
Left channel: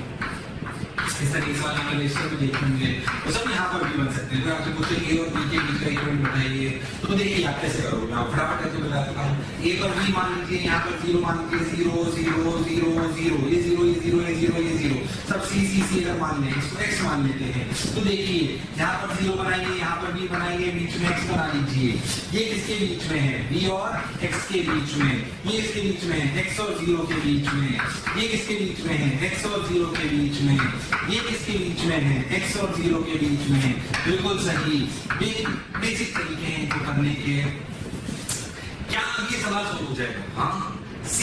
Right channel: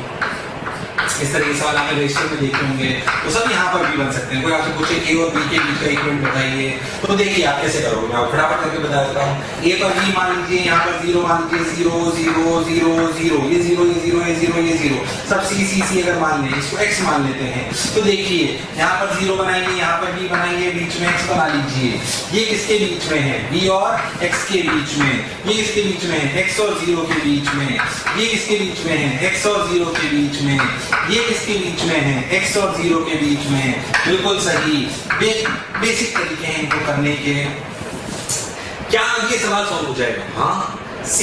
इस तरह के सवाल आपने रजिस्टर में देखे होंगे, तो सब यहाँ पर भी बन सकते हैं। कोई आपसे पूछे A और B के बीच का इक्विवेलेंट बताइए, तो देखिए आप कैसे करोगे। मैं फटाफट करके बता देता हूँ। A पर V मान लीजिए, यहाँ पर 0 मान लीजिए, 0 0 0 0, ये 0 ये 0 ये 0 ये 0, सब C अगर मान लें, इसको X मान लेते हैं, तो देखिए यहाँ पर 0 बनाएंगे, यहाँ पर V बनाएंगे, बीच में X बना लीजिए। ये किसके बीच में है? V और X के बीच में। ये किसके बीच में है? X और 0 के बीच में। ये किसके बीच में है? X और 0 के बीच में। ये किसके बीच में है? X और 0 के बीच में। बिल्कुल सही। बेसिक तरीके हैं इनको करने के। क्या ये सवाल सॉल्व हो जाएगा? हाँ। C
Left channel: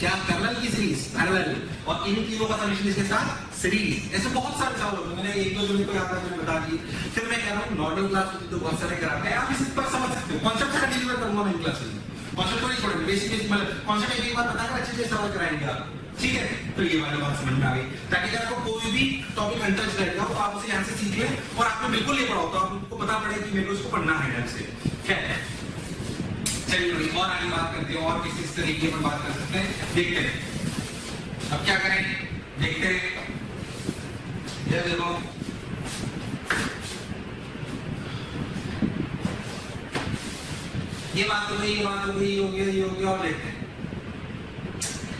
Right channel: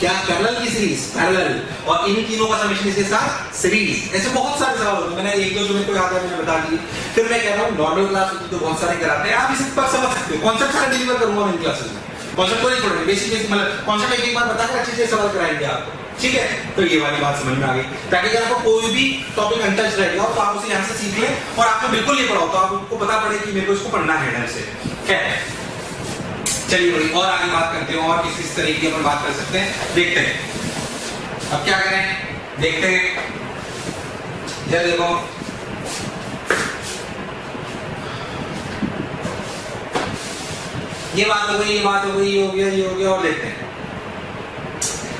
क्या? पैरेलल की सीरीज, पैरेलल, और इन तीनों का समेशन इसके साथ सीरीज। ऐसे बहुत सारे सवाल होते हैं। मैंने एक दो जो मेरे को याद है मैंने बता दिए। फिर मैं कह रहा हूँ नॉर्मल क्लास होती तो बहुत सारे कराते हैं, आप इसे पर समझ सकते हो। कॉन्सेप्ट सारा डिलीवर करूंगा मैं इन क्लासेस में। कॉन्सेप्ट को नहीं छोड़ेंगे, बेसिक मतलब कॉन्सेप्ट एक बार बताकर अच्छे से सवाल कराएंगे आपको। ठीक है, तो ये वाली बात समझ में आ गई, ताकि अगर आपको कोई भी टॉपिक अनटच रह गया हो तो आप उसे यहाँ से सीख लें, और आपको बिल्कुल नहीं पढ़ा हो तो आपको पता पड़े कि मेरे को इसको पढ़ना है ढंग से। खैर चलिए थोड़ी और आगे बात करते हैं, और किस किस तरीके की अपन बात कर सकते हैं देखते हैं। अब क्या करें, देखते हैं। जरा देखो, ये बात हो गई, ये बात हो गई, ये हो गया, ये हो गया, और देखते हैं।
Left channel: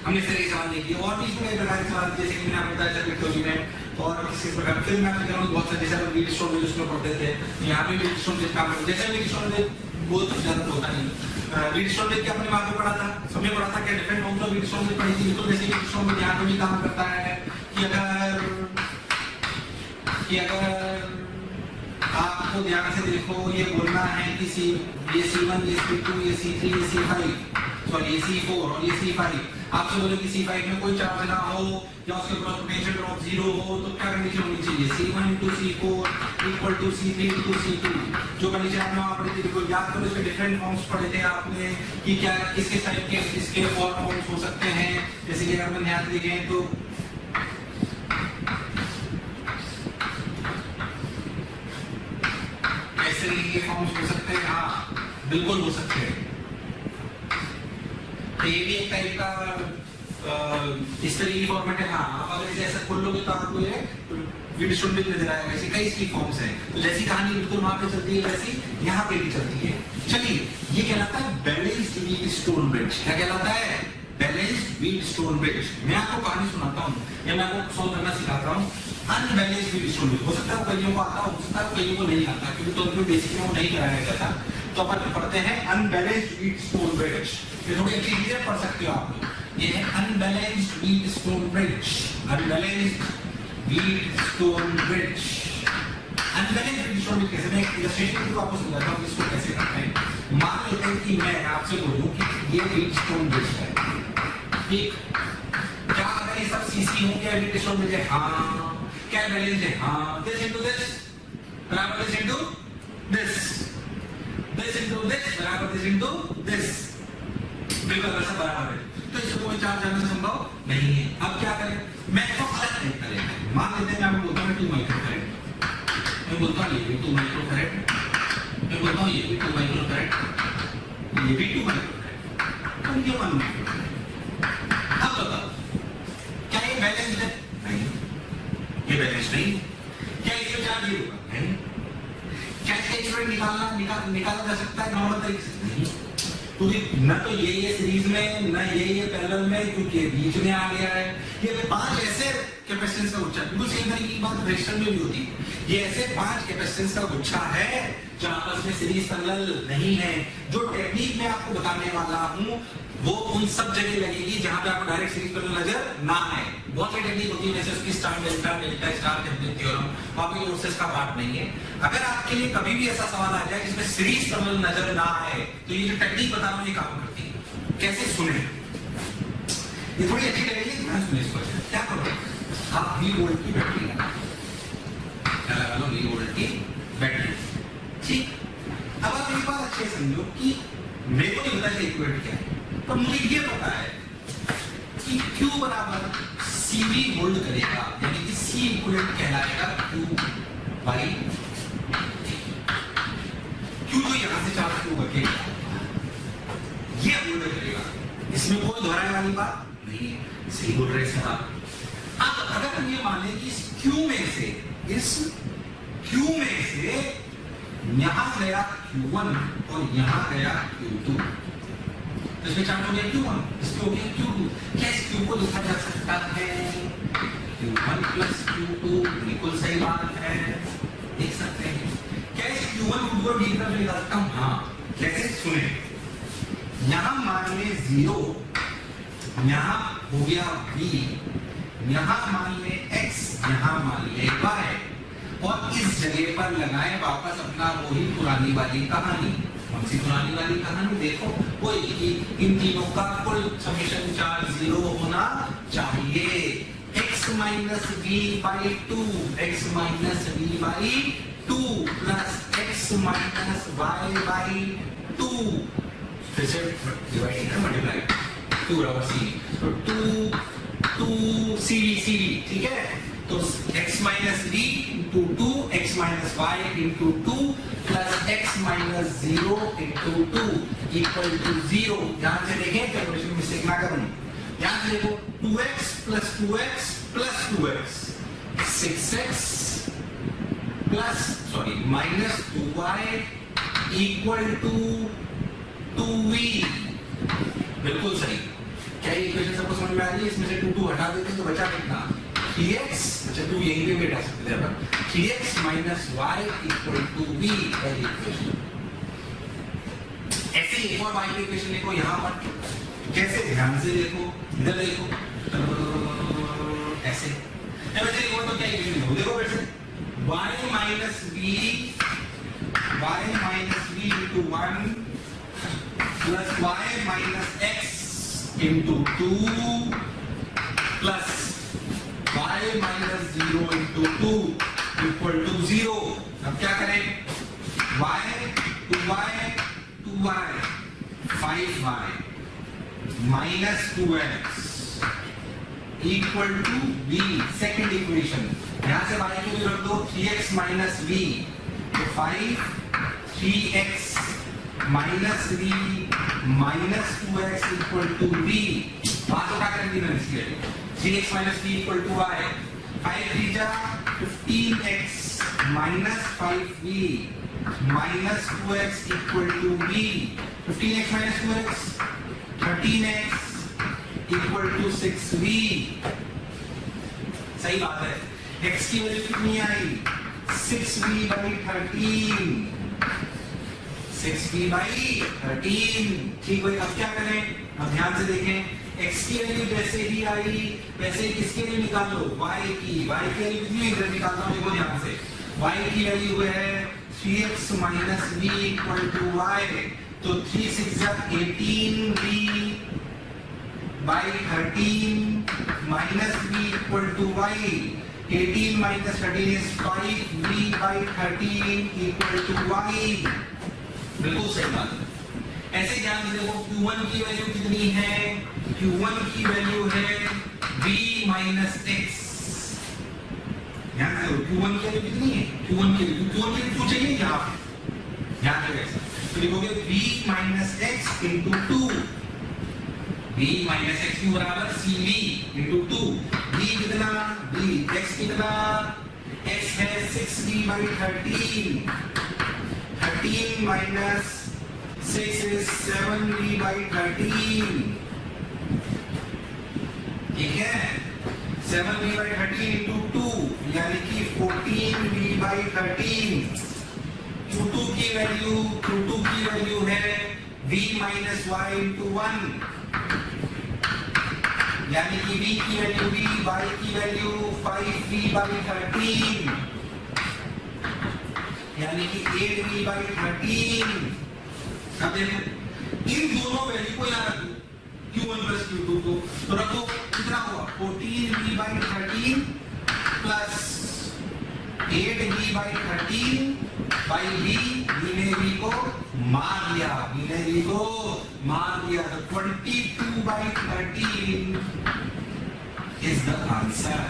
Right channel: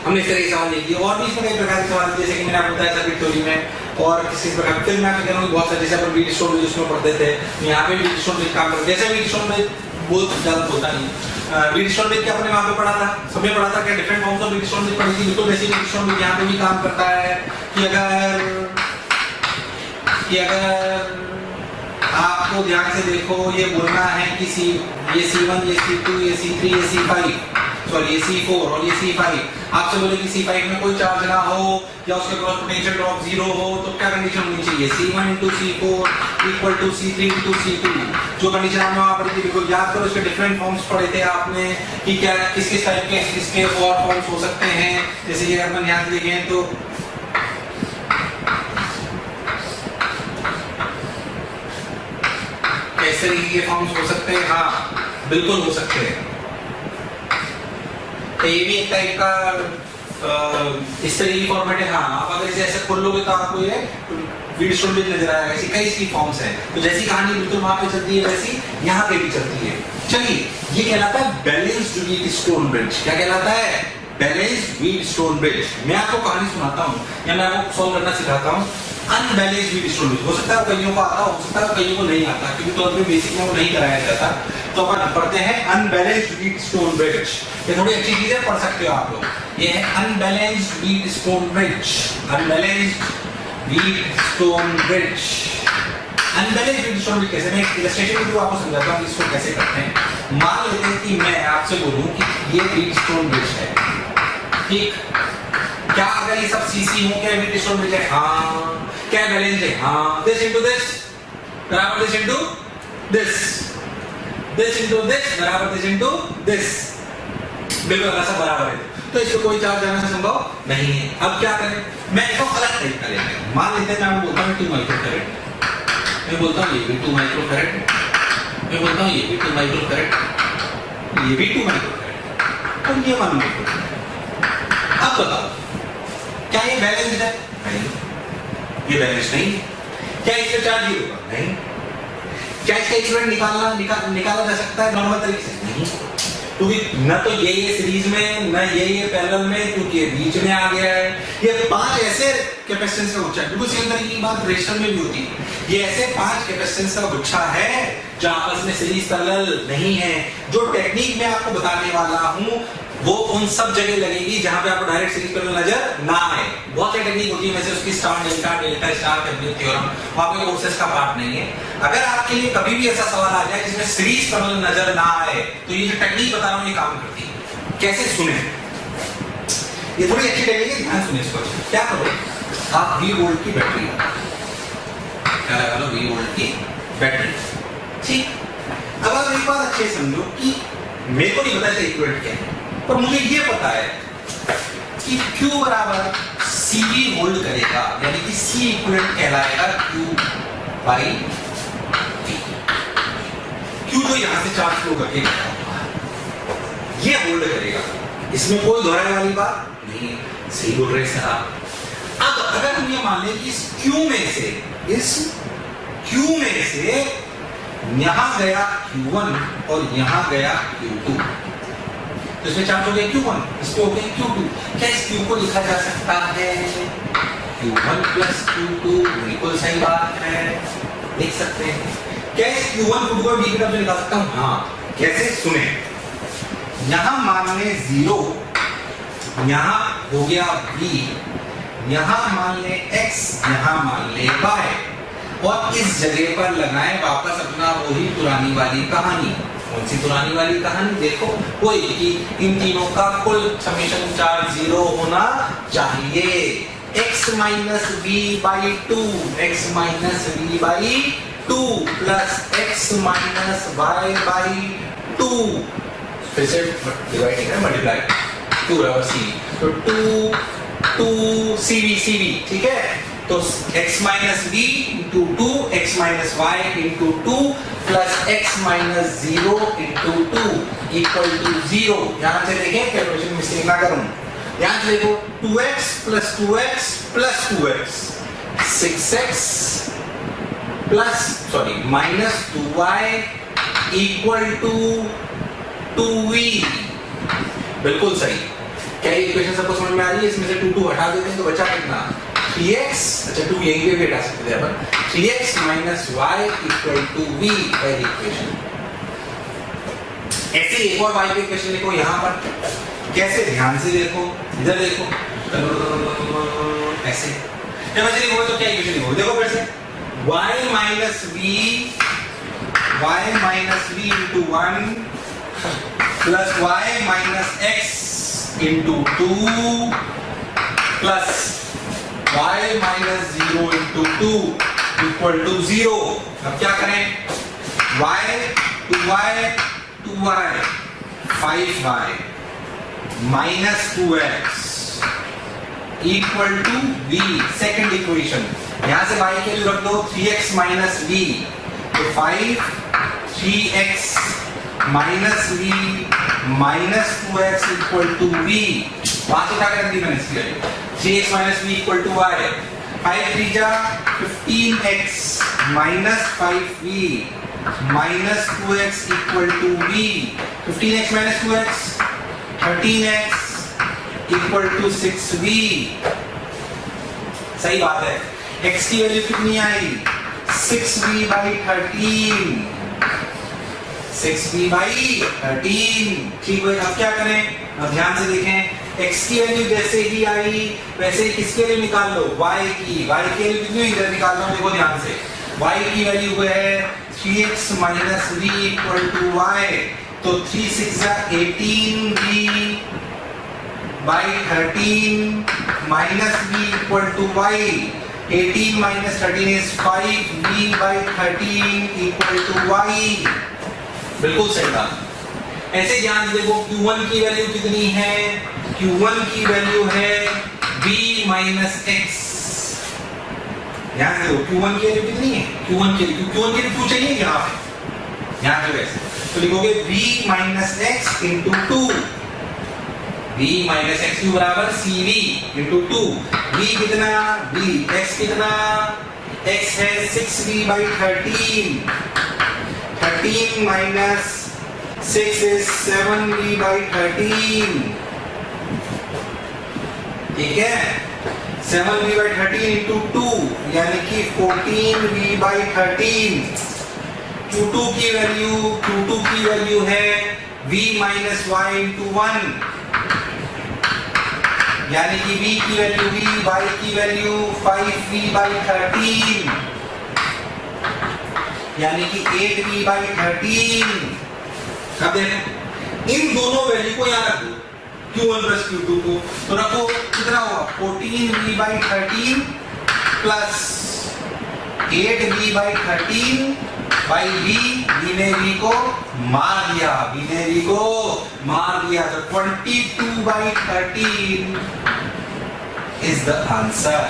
हमने इस तरह के सवाल देख लिए, और भी इसमें कई प्रकार के सवाल, जैसे कि मैंने आपको बताया सर्किट थ्योरी में, और किसी प्रकार फिर मैं आपको कह रहा हूँ बहुत सारे, जैसे अपन व्हीटस्टोन ब्रिज उसमें पढ़ते थे, यहाँ पे व्हीटस्टोन ब्रिज काम करते, जैसे व्हीटस्टोन ब्रिज बहुत ज्यादा होता नहीं। व्हीटस्टोन ब्रिज क्या अपने वहाँ पे पढ़ा था, सबने पढ़ा था, क्या different forms of Wheatstone bridge पढ़ी थी, बिल्कुल वैसे व्हीटस्टोन ब्रिज यहाँ पे भी काम करता है कि अगर आपको ध्यान से देखो, ये बोलना है कि ये C1, ये C2, ये C3, ये C5, सॉरी ये C4 और ये C5, आपसे बोले कि C5 में कोई चार्ज ना हो या उसके क्रॉस पोटेंशियल ड्रॉप 0 हो, तो क्या कंडीशन होनी चाहिए, C1 × C4 = C3 × C2। जो कंडीशन आपने वहां पढ़ी थी, बिल्कुल याद करो, इसके डिफरेंट फॉर्म्स पढ़े थे आपने कि क्या किस किस टाइप के इसके और फॉर्म्स हो सकते हैं। जैसे कि अपन ध्यान से देखें तो कैसे ये फॉर्म्स हो सकते हैं, हाँ बिल्कुल हो सकते हैं। तो ये भी एक टाइप का इस तरह की फॉर्मेट है। हाँ, आप अगर इसे ऐसे खोल लोगे तो आपको ये व्हीटस्टोन ब्रिज नजर आएगा। ऐसी कई इसकी फॉर्म्स हैं, तो जैसी कहानी बिल्कुल वहां पे चलती है वैसी यहाँ पे भी चलती है। चलिए, ये कहलाता है बैलेंस्ड व्हीटस्टोन ब्रिज। क्या कहलाता है? Balanced Wheatstone bridge. मैं आपको कहानी सुनाता हूँ या मैं आपको सॉल्व करना सिखाता हूँ। अनबैलेंस्ड व्हीटस्टोन ब्रिज, हो सकता है कईयों को आता, हो सकता है कईयों को नहीं आता, क्योंकि तौर पे बेसिक में वो नहीं कराया जाता। तो अपन पढ़ते हैं अनबैलेंस्ड व्हीटस्टोन ब्रिज। ये थोड़ी अच्छी चीजें पढ़ सकते हो आप लोग। ये है unbalanced Wheatstone bridge. Unbalanced Wheatstone bridge. Unbalanced Wheatstone bridge कैसे, मैं एक इलस्ट्रेशन के थ्रू आपको समझाता हूँ इसको कैसे करते हैं। मान लेते हैं कि मैं आपसे बोलूं कि ये व्हीटस्टोन ब्रिज है, ठीक? क्या अगर ये सब सीसी हो, क्या व्हीटस्टोन ब्रिज है? हाँ। क्या बैलेंस है? हाँ। दिस इनटू दिस बराबर this into this, this into this बराबर दिस इनटू दिस, बिल्कुल ऐसा बराबर है। तो इसको कोई चार्ज जाना संभव नहीं है। अब क्या करें, मैं इसको अलग तरीका लेते हैं। मान लेते हैं मैं बोलता हूँ 2 माइक्रोफैरड, मैं बोलता हूँ ये भी 2 माइक्रोफैरड, मैं बोलता हूँ ये भी 2 माइक्रोफैरड, ये भी 2 माइक्रोफैरड और ये 1 माइक्रोफैरड। अब बताओ, क्या ये बैलेंस्ड है? नहीं, ये बैलेंस नहीं। क्या इसका चार्ज 0 होगा? नहीं। क्या इसका इक्विवेलेंट निकाला जा सकता है नॉर्मल तरीके से? नहीं, क्योंकि न तो ये सीरीज में, न ये पैरेलल में, क्योंकि ये बीच में आ गया है। ये 5 ऐसे कैपेसिटेंस का गुच्छा है, बिल्कुल सेम तरीके की बात रेजिस्टर में भी होती है। ये ऐसे 5 कैपेसिटेंस का गुच्छा है जो आपस में सीरीज पैरेलल नहीं है। जो टेक्निक मैं आपको बताने वाला हूँ वो उन सब जगह लगेगी जहां पे आपको डायरेक्ट सीरीज पैरेलल नजर ना आए। बहुत सी टेक्निक होती है, वैसे उसकी star delta, delta star, Thevenin theorem, वहां पे कोर्सेज का पार्ट नहीं है। अगर आपके लिए कभी भी ऐसा सवाल आ जाए जिसमें सीरीज पैरेलल नजर ना आए, तो ये जो टेक्निक बता रहा हूँ ये काम करती है। कैसे सुने, ये थोड़ी अच्छी टेक्निक है, ध्यान सुने इसको। क्या करो, आप V वोल्ट की बैटरी, क्या लगा लो, V वोल्ट की बैटरी, ठीक। अब आप एक बात अच्छे समझो कि मेरे को नहीं पता इसका इक्विवेलेंट क्या है, पर मुझे ये पता है कि Q बराबर CV होल्ड करेगा, यानी कि C इक्विवेलेंट कहलाएगा Q बाई T। Q जो यहां से चार्ज फ्लो करके ये होल्ड करेगा, इसमें कोई दोहराने वाली बात नहीं है। सही बोल रहे साहब। अब अगर हम ये मान लें कि इस Q में से, इस Q में से यहां गया Q1 और यहां गया Q2, तो इसमें चार्ज हो गया Q1, इस पे हो गया Q2। क्या इस Q को लिखा जा सकता है Q1 प्लस Q2? बिल्कुल सही बात है, लिख सकते हैं। क्या इस Q1 Q2 को D की तरफ से निकाल सकता हूं? हाँ। कैसे, सुने। यहां मान ले 0, यहां हो गया V, यहां मान ले X, यहां मान ले Y, और इस जगह पर लगाएं वापस अपना वही पुरानी वाली कहानी। कौन सी पुरानी वाली कहानी? देखो, कोई कि इन तीनों का कुल समेशन चार्ज 0 होना चाहिए। x minus V by 2, x minus V by 2 plus x minus Y by 2, फिर से डिवाइडिंग है, मल्टीप्लाई, 2 बराबर c, तो 2 cv, ठीक है। तो x minus v into 2, x minus y into 2 plus x minus 0 into 2 equal to 0। यहाँ से देखें कैलकुलेशन मिस्टेक ना करूं, ध्यान से देखो 2x plus 2x plus 2x 6x plus minus 2y equal to 2v। बिल्कुल सही। क्या ये इक्वेशन सबको समझ में आ रही है? इसमें से 2 हटा देते हैं तो बचा कितना 3x। अच्छा 2 यहीं पे भी हटा सकते थे अपन। 3x minus y equal to v है इक्वेशन। ऐसे एक और y की इक्वेशन लिखो यहाँ पर। कैसे? ध्यान से देखो, इधर देखो, ऐसे जब ऐसे लिखो तो क्या इक्वेशन लिखो? देखो फिर से y minus v into 1 plus y minus x into 2 plus y minus 0 into 2 equal to 0। अब क्या करें? y 2y 5y minus 2x equal to v। Second equation यहां से y के लिए रख दो 3x माइनस v तो 5 3x minus v minus 2x equal to v। वहां से उठा कर रख दी मैंने इसकी value 3x minus v equal to y। 5 3 जा 15x minus 5v minus 2x equal to v। 15x minus 2x 13x equal to 6v। सही बात है। x की वैल्यू कितनी आई? 6v by 13। 6v by 13। ठीक भाई, अब क्या करें? अब ध्यान से देखें, x की वैल्यू जैसे ही आई वैसे ही किसके लिए निकाल लो? y की। y की वैल्यू कितनी हुई? इधर निकाल लो, देखो ध्यान से। y की वैल्यू है 3x minus v equal to y तो 3 6 जा 18v by 13 minus v equal to y। 18 minus 13 is 5v by 13 equal to y। बिल्कुल सही बात। ऐसे ध्यान से देखो q1 की वैल्यू कितनी है? q1 की वैल्यू है v माइनस x। ध्यान से देखो q1 की वैल्यू कितनी है? q1 की वैल्यू क्यों चाहिए यहाँ पे? ध्यान से वैसे तो लिखोगे v minus x into 2। v minus x Q बराबर cv इंटू 2। v कितना? v x कितना? x है 6v by 13। 13 minus 6 is 7v by 13। ठीक है, 7v बाई 13 इंटू 2 यानी कि 14v बाई 13। Q2 की वैल्यू है v माइनस y इंटू 1 यानी कि v की वैल्यू v, y की वैल्यू 5v बाई 13 यानी कि 8v बाई 13। अब देखो इन दोनों वैल्यू को यहाँ रखो Q1 प्लस Q2 को, तो रखो कितना होगा 14v by 13 plus 8v by 13 by v ने v को मार दिया तो 22 by 13 is the answer।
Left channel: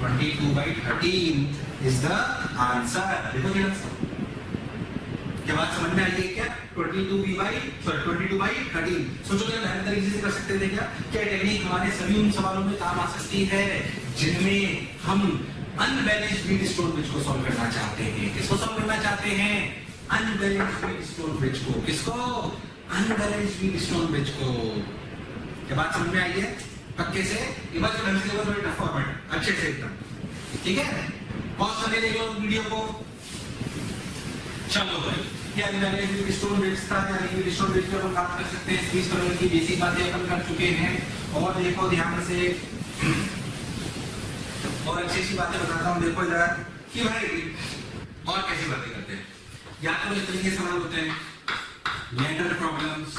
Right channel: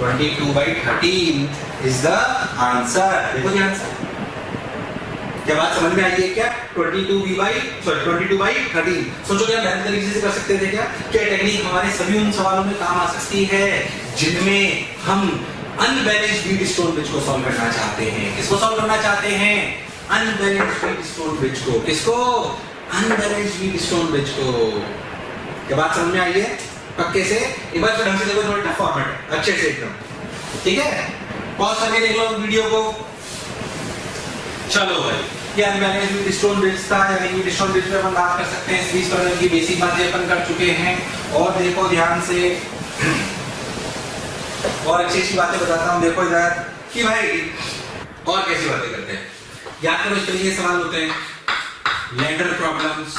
22 by 13 is the answer। देखो ध्यान से, क्या बात समझ में आई है क्या? 22 बाई 13। सोचो क्या बेहतर तरीके से कर सकते थे क्या? क्या टेक्निक हमारे सभी उन सवालों में काम आ सकती है जिनमें हम अनबैलेंस्ड वीट स्टोन ब्रिज को सॉल्व करना चाहते हैं। किसको सॉल्व करना चाहते हैं? अनबैलेंस्ड वीट स्टोन ब्रिज को। किसको? अनबैलेंस्ड वीट स्टोन ब्रिज को। क्या बात समझ में आई है पक्के से? एक बार ढंग से देखो, थोड़ा टफ फॉर्मेट है, अच्छे से एकदम। ठीक है, पॉज करके देख लो वीडियो को। चलो भाई, ये अनबैलेंस्ड वीट स्टोन ब्रिज था, यानी वीट स्टोन ब्रिज पे अपन बात कर सकते हैं। सीरीज पैटर्न की बेसिक बातें अपन कर चुके हैं। और देखो ध्यान से, और अच्छी बातें बताता हूँ। देखो इधर कि भाई और कैसी बातें करते हैं, याद करो इस तरीके के सवाल होते हैं। लेंडर प्रॉब्लम्स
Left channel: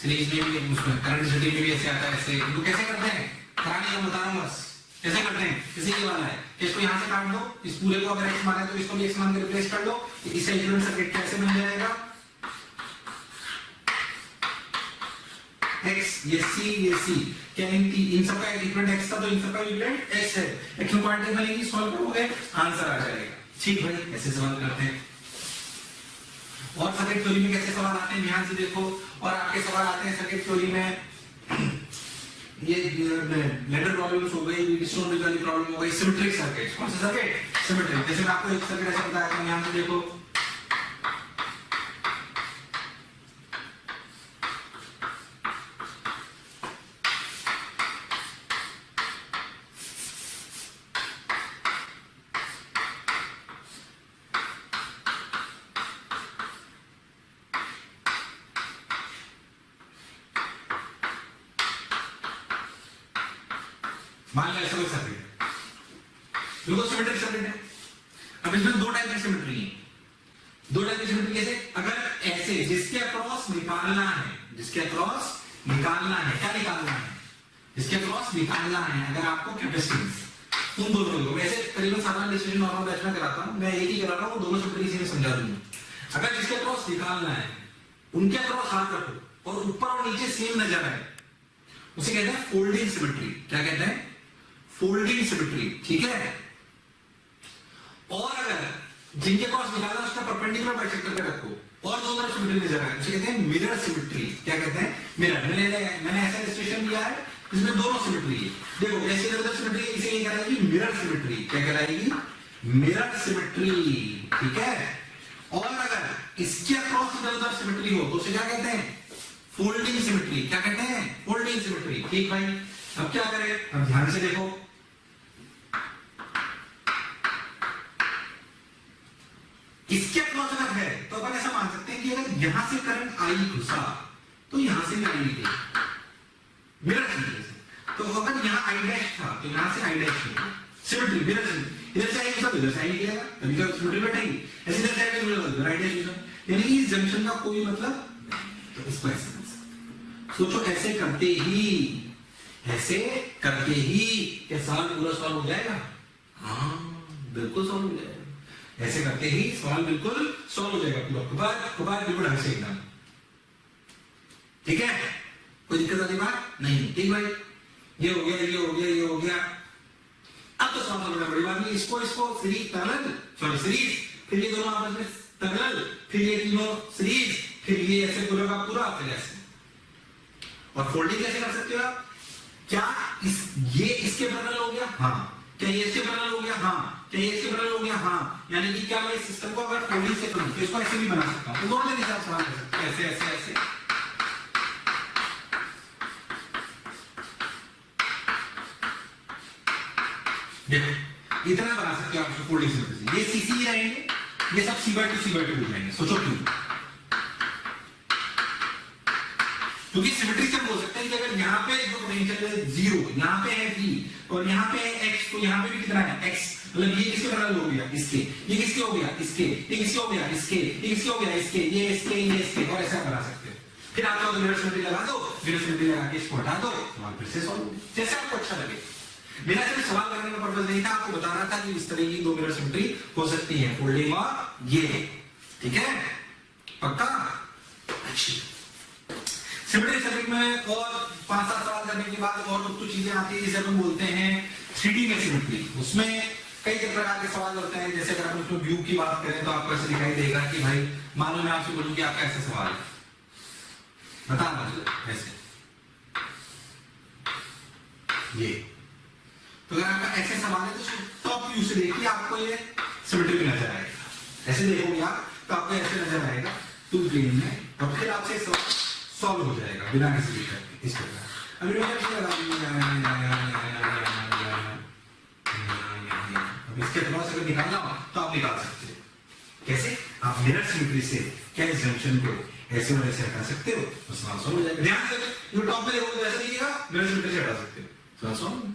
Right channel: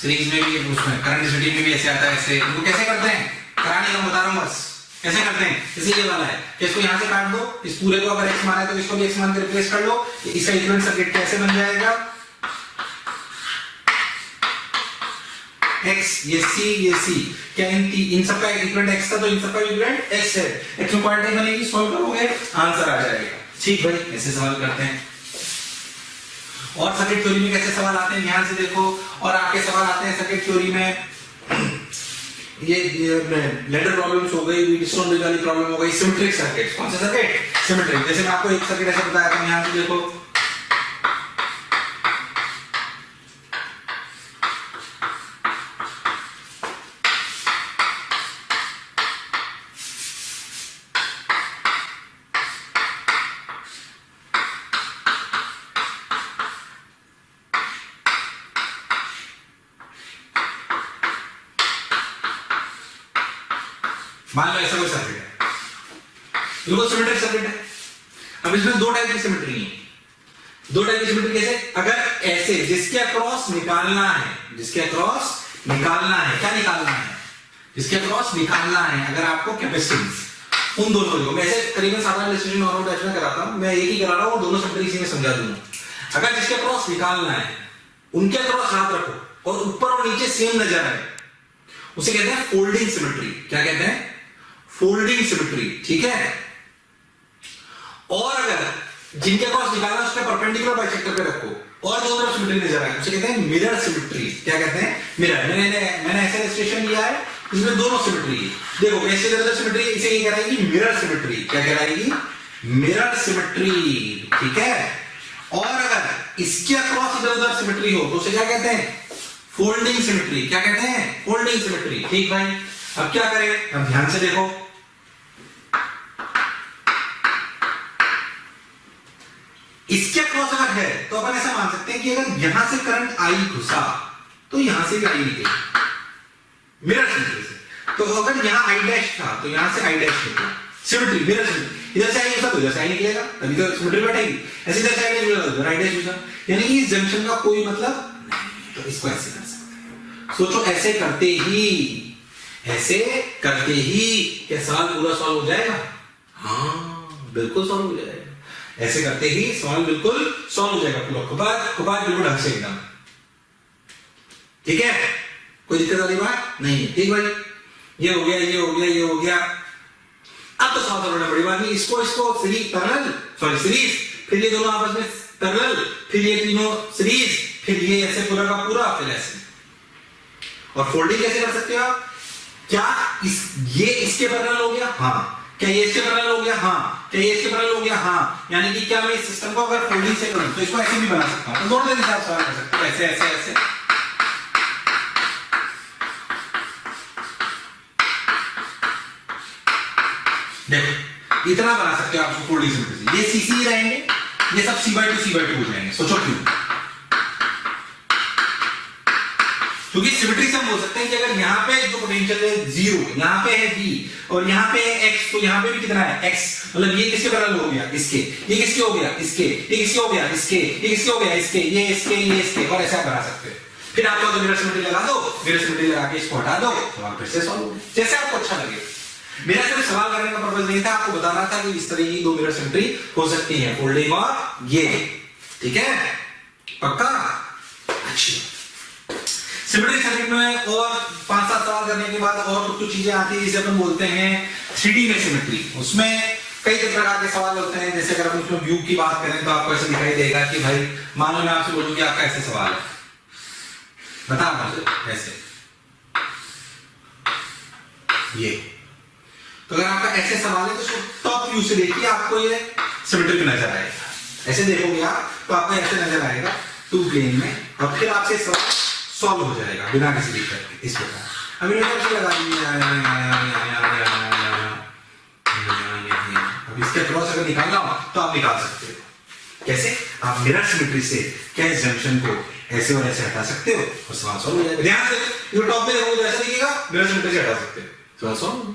सीरीज में भी, उसमें करंट स्टडी में भी ऐसे आता है। ऐसे इनको कैसे करते हैं करानी है, बता रहा हूँ बस कैसे करते हैं। इसी ये वाला है कि इसको यहाँ से काट दो, इस पूरे को अगर x मान है तो इसको भी x मान के रिप्लेस कर लो। इसका इक्विवेलेंट सर्किट कैसे बन जाएगा? x ये c क्या इन सबका इक्विवेलेंट x था तो इन सबका इक्विवेलेंट x है। x में क्वांटिटी बनेगी, सॉल्व करोगे आंसर आ जाएगा। ठीक भाई, ऐसे सवाल करते हैं। और सर्किट थ्योरी में कैसे सवाल आते हैं ध्यान से देखो। और आपके सवाल आते हैं सर्किट थ्योरी में ये लेडर प्रॉब्लम्स हो गई, व्हीटस्टोन ब्रिज वाली प्रॉब्लम हो गई, सिमेट्रिक सर्किट। कौन सा सर्किट? सिमेट्रिक। जैसे मैं आपको एक सर्किट ऐसा बताया था, यहां से देखो मान लो ऐसा कोई सर्किट है, बिल्कुल सिमेट्रिक सर्किट है। अब इसमें दो टाइप की सिमेट्री है। दो टाइप की सिमेट्री कैसे? अगर ऐसे जिसके अक्रॉस निकालना है, जिसके अक्रॉस निकालना है, क्या निकालना है? जिसके अक्रॉस निकालना है अगर आपको कैपेसिटेंस, उन दोनों को मैं ऐसे करीबन साधारण इलस्ट्रेशन नॉर्मल बैच में कराता हूं, मैं एक ही करा रहा हूं, दोनों सिमेट्री इसी में समझा दूंगा। अगर जिसके अक्रॉस निकालना है उनके अक्रॉस हाथ रखो और ऊपर और नीचे सेम नजर आए, उसे कहते हैं फोल्डिंग सिमेट्री। क्या कहते हैं? फोल्डिंग सिमेट्री, ठीक है। और अगर जिनके क्रॉस निकालना है उसके परपेंडिकुलर बाइसेक्टर पे रखो और दोनों तरफ सिमेट्री नजर आए, उसे कहते हैं मिरर सिमेट्री। क्या कहते हैं? मिरर। मैंने ऐसे इलस्ट्रेशन लिया है इसमें दोनों सिमेट्री है। देखो कैसे इधर सिमेट्री, इसे ये कहलाएगी मिरर सिमेट्री। क्या कहलाएगी? मिरर सिमेट्री, ठीक है। और अगर इसके अक्रॉस इधर उधर सिमेट्री हो तो उसे क्या कहते हैं? Folding symmetry. क्या कहते हैं? Folding symmetry. ठीक भाई, अब क्या करें? अब ध्यान से देखो, इसके अक्रॉस अगर है तो अपन ऐसा मान सकते हैं कि अगर यहां से करंट आई घुसा तो यहां से भी आई निकलेगी, मिरर सिमेट्री से। तो अगर यहां आई डैश था तो यहां से आई डैश निकलेगा, सिमेट्री, मिरर सिमेट्री। इधर से आई घुसा तो इधर से आई निकलेगा, तभी तो सिमेट्री बैठेगी। ऐसे इधर से आई डैश घुसा तो इधर आई डैश घुसा, यानी कि इस जंक्शन का कोई मतलब नहीं। तो इसको ऐसे कर सकते हैं। सोचो ऐसे करते ही क्या सवाल पूरा सॉल्व हो जाएगा? हाँ बिल्कुल सॉल्व हो जाएगा। ऐसे करते ही सवाल बिल्कुल सॉल्व हो जाएगा पूरा, खुबाद बिल्कुल ढंग से एकदम, ठीक है। कोई दिक्कत वाली बात नहीं है। ठीक भाई, ये हो गया, ये हो गया, ये हो गया। अब तो सवाल सॉल्व होने बड़ी बात नहीं। इसको सीरीज, फिर ये दोनों आपस में पैरेलल, फिर ये तीनों सीरीज, फिर ये ऐसे पूरा का पूरा, फिर ऐसे। और फोल्डिंग कैसे कर सकते हो आप? क्या ये इसके पैरेलल हो गया? हाँ। क्या ये इसके पैरेलल हो गया? हाँ। क्या ये इसके पैरेलल हो गया? हाँ। यानी कि क्या मैं इस सिस्टम को अगर फोल्डिंग से करूं तो इसको ऐसे भी बना सकता हूं। तो दोनों तरीके से आप सवाल कर सकते हो, ऐसे ऐसे ऐसे। देखो इतना बना सकते हो आप फोल्डिंग सिमेट्री। ये सीसी रहेंगे, ये सब C/2 C/2 हो जाएंगे। सोचो क्यों? क्योंकि सिमेट्री से हम बोल सकते हैं कि अगर यहाँ पे जो पोटेंशियल है 0, यहाँ पे है V और यहाँ पे है X, तो यहाँ पे भी कितना है X। मतलब ये किसके पैरेलल हो गया? इसके। ये किसके हो गया? इसके। ये किसके हो गया? इसके। ये किसके हो गया? इसके। ये इसके, ये इसके, और ऐसा बना सकते हो। फिर आप तो मिरर सिमेट्री लगा दो, मिरर सिमेट्री लगा के इसको हटा दो, सवाल फिर से सॉल्व हो गया। जैसे आपको अच्छा लगे। मेरा सिर्फ सवाल करने का पर्पस नहीं था, आपको बताना था कि इस तरह की दो मिरर सिमेट्री हो सकती है, फोल्डिंग और ये, ठीक है। पक्का? अच्छी। सिमेट्रिक सर्किट में और 5-7 सवाल करने के बाद और कुछ चीजें आती है जिसे अपन बोलते हैं 3D में सिमेट्री। उसमें कई प्रकार के सवाल होते हैं। जैसे अगर हम उसमें व्यू की बात करें तो आपको ऐसा दिखाई देगा कि भाई मानो मैं आपसे बोलूं कि आपका ऐसे सवाल है, बता मुझे ऐसे, ये। तो अगर आपका ऐसे सवाल है तो इसको टॉप व्यू से देखिए, आपको ये सिमेट्रिक नजर आएगा। ऐसे देखोगे आप तो आपको ऐसे नजर आएगा 2 प्लेन में, और फिर आपसे सवाल सॉल्व हो जाएगा बिना किसी दिक्कत के, इस प्रकार। अभी अब इसके क्रॉस अगर निकालना हो तो आप निकाल सकते हो। कैसे? आप मिरर सिमेट्री से क्या इस जंक्शन को ऐसे और ऐसे हटा सकते हो और सवाल सॉल्व हो जाएगा। ध्यान से ये टॉप में देखोगे ऐसा दिखेगा, मिरर सिमेट्री से हटा सकते हो, सवाल सॉल्व।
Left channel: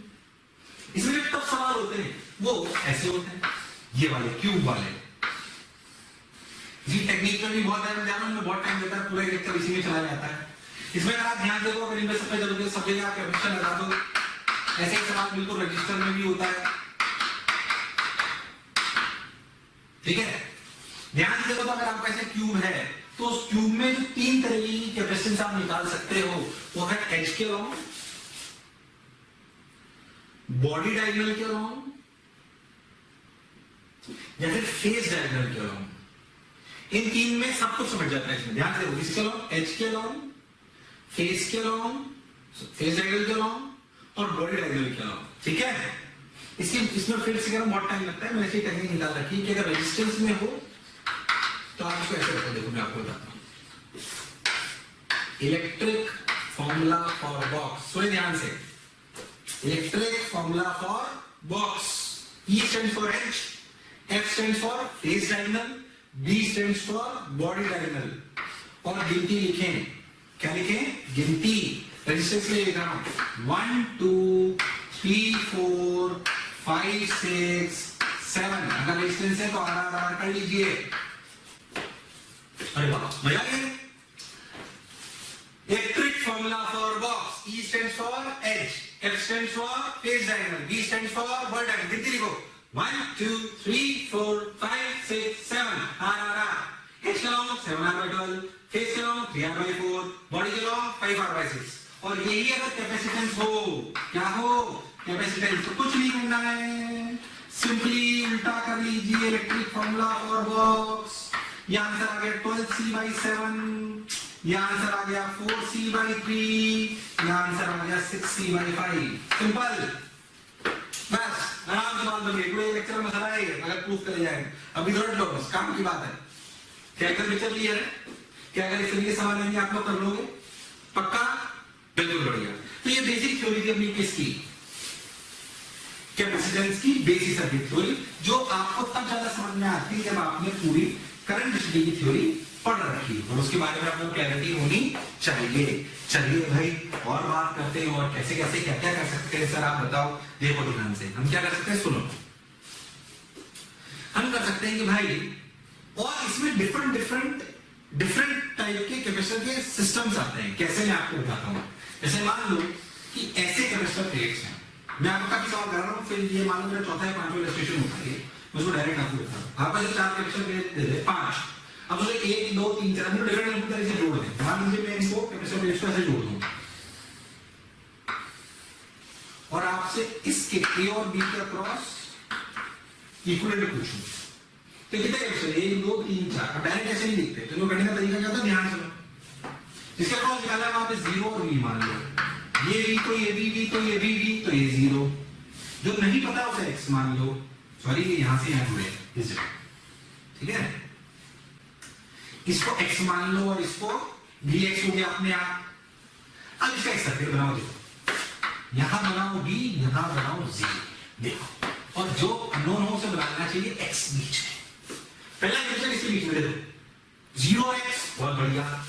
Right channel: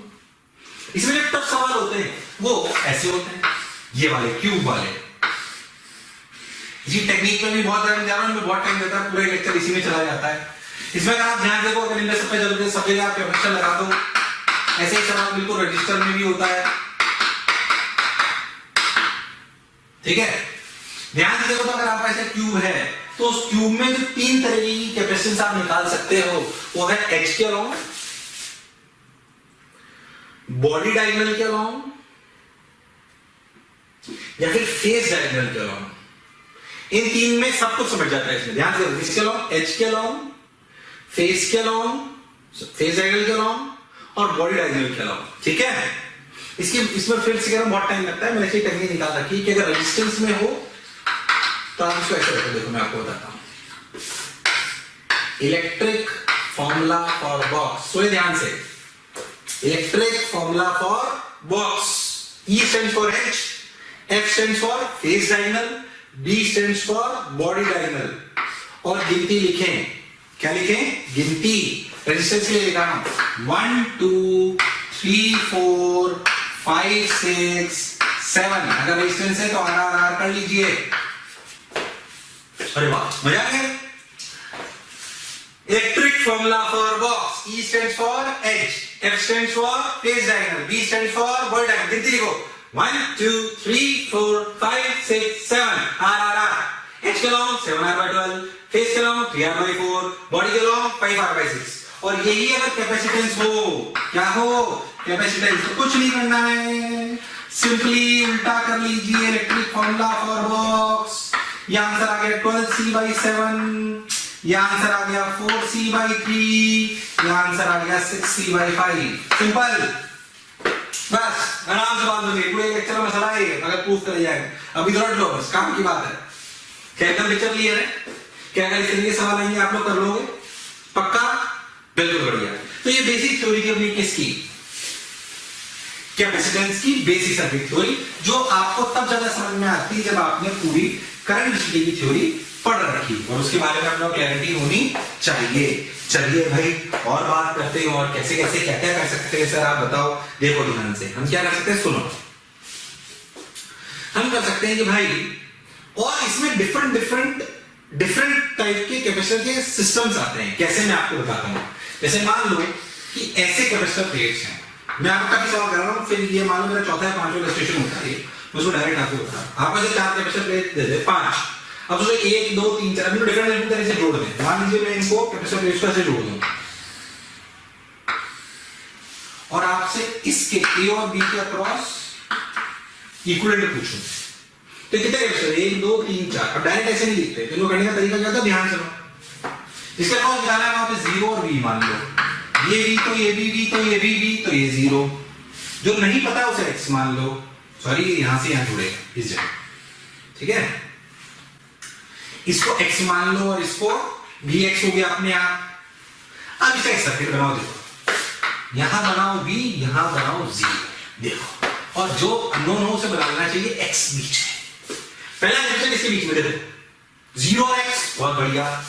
इसमें जो टफ सवाल होते हैं वो ऐसे होते हैं, ये वाले क्यूब वाले। इसी टेक्निक में भी बहुत टाइम देता है, पूरा लेक्चर इसी में चला जाता है। इसमें अगर आप ध्यान देखो, अगर इनमें सब जगह आप कैपेसिटर लगा दो, ऐसे ही सवाल बिल्कुल रजिस्टर में भी होता है, ठीक है। ध्यान से देखो तो अगर आपका ऐसा क्यूब है तो उस क्यूब में जो 3 तरह की कैपेसिटेंस आप निकाल सकते हो, वो है एच के अलाउंग, बॉडी डायगोनल के अलाउंग, या फिर फेस डायगोनल के अलाउंग। इन तीन में सब कुछ समझ जाता है इसमें, ध्यान से देखो, इसके अलॉन्ग, एज के अलॉन्ग, फेस के अलॉन्ग, फेस डायगोनल के अलॉन्ग और बॉडी डायगोनल के अलॉन्ग, ठीक है। इसमें फिर से बहुत टाइम लगता है, मैंने ऐसी टेक्निक निकाल रखी कि अगर रेजिस्टेंस में हो तो आप इसको ऐसे रखो, देखो मैं आपको बताता हूं। इलेक्ट्रिक फॉर्मूला फॉर बॉक्स, सुनिए ध्यान से, electric formula for box, E stands for H, F stands for face diagonal, D stands for body diagonal, और गिनती लिखें, क्या लिखें? गिनती, रेजिस्टेंस के लिए लिखा हूं 1 2 3 4 5 6 7, अगर रेजिस्टेंस है तो आर कर लीजिए। अरे वाह, मजा आ गया। Electric formula for box, E stands for H, F stands for face diagonal, D stands for body diagonal, गिनती लिखो 1 2 3 4 5 6 7, R, H के लॉन्ग 7r/12, फेस के लॉन्ग 3r/4, बॉडी के लॉन्ग 5r/6, और यही अगर कैपेसिटेंस हो, क्या हो कैपेसिटेंस, तो कुछ नहीं करना है, सिंपली उल्टा कर लीजिए इलेक्ट्रिक फॉर्मूला फॉर बॉक्स। ये आंसर आ गया 12c/7, ये आंसर आ गया 4c/3, ये आंसर आ गया 6c/5, सिंपल, बस आराम से बात होगी, पूरे लेक्चर में मसला है अगर प्रूफ कर जाए, अभी तो रट लो, बस काम की बात है। क्या कर लेक्चर क्लियर है? क्या अगर इस तरीके सवाल आएंगे आप लोग कर लोगे पक्का? बिल्कुल बढ़िया। तो ये बेसिक थ्योरी थी अपनी किसकी, कैपेसिटेंस की, बेसिक सर्किट थ्योरी, जो आपको तब ज्यादा समझ में आती है जब आपने पूरी करंट डिस्ट्रीब्यूशन की थ्योरी पढ़ रखी और उसके बारे में आपको क्लैरिटी होनी चाहिए। चलिए भाई और बात करते हैं, और कैसे कैसे क्या क्या कर सकते हैं सर आप बताओ। देखो ध्यान से, हम क्या कर सकते हैं, सुनो, हम कर सकते हैं कि भाई, और इसमें डिफरेंट टाइप के कैपेसिटर के सिस्टम्स आते हैं। कैसे, मैं आपको बताता हूं। जैसे मान लो कि ऐसे कैपेसिटर प्लेट्स हैं, मैं आपको काफी सवाल कर रहा हूं, फिर ये मान लो मेरा चौथा या पांचवा इलस्ट्रेशन होता है, मैं उसको डायरेक्ट आपको बता रहा हूं। आप ऐसे 4 कैपेसिटर प्लेट दे दे, 5, अब उसको 1 2 3 4 अभी डिफरेंट तरह से जोड़ दें। मान लीजिए मैं इनको कैपेसिटर प्लेट्स को ऐसे जोड़ दूं और आपसे इसके A और B के अक्रॉस इक्विवेलेंट पूछूं, तो कितने कैपेसिटर, 1 2 3 4। अब डायरेक्ट ऐसे नहीं लिखते, तो इनको करने का तरीका क्या होता है, ध्यान सुनो। इसके अक्रॉस निकालना है वहां पे 0 और V, मान लो ये V तो ये भी V तो ये भी V तो ये 0, जो नहीं पता उसे X मान लो, सॉरी ये यहां से यहां जुड़ेगा इस जगह, ठीक है। इसको X मान लो और इसको Vx हो गया अपने आप। अब इसका एक सर्किट बनाओ, देखो यहां बनाओ V, यहां बनाओ 0, देखो, और जो अननोन हो उसे बनाना चाहिए X बीच में। पहला कैपेसिटर इसके बीच में दे दो 0 और X, बहुत बढ़िया।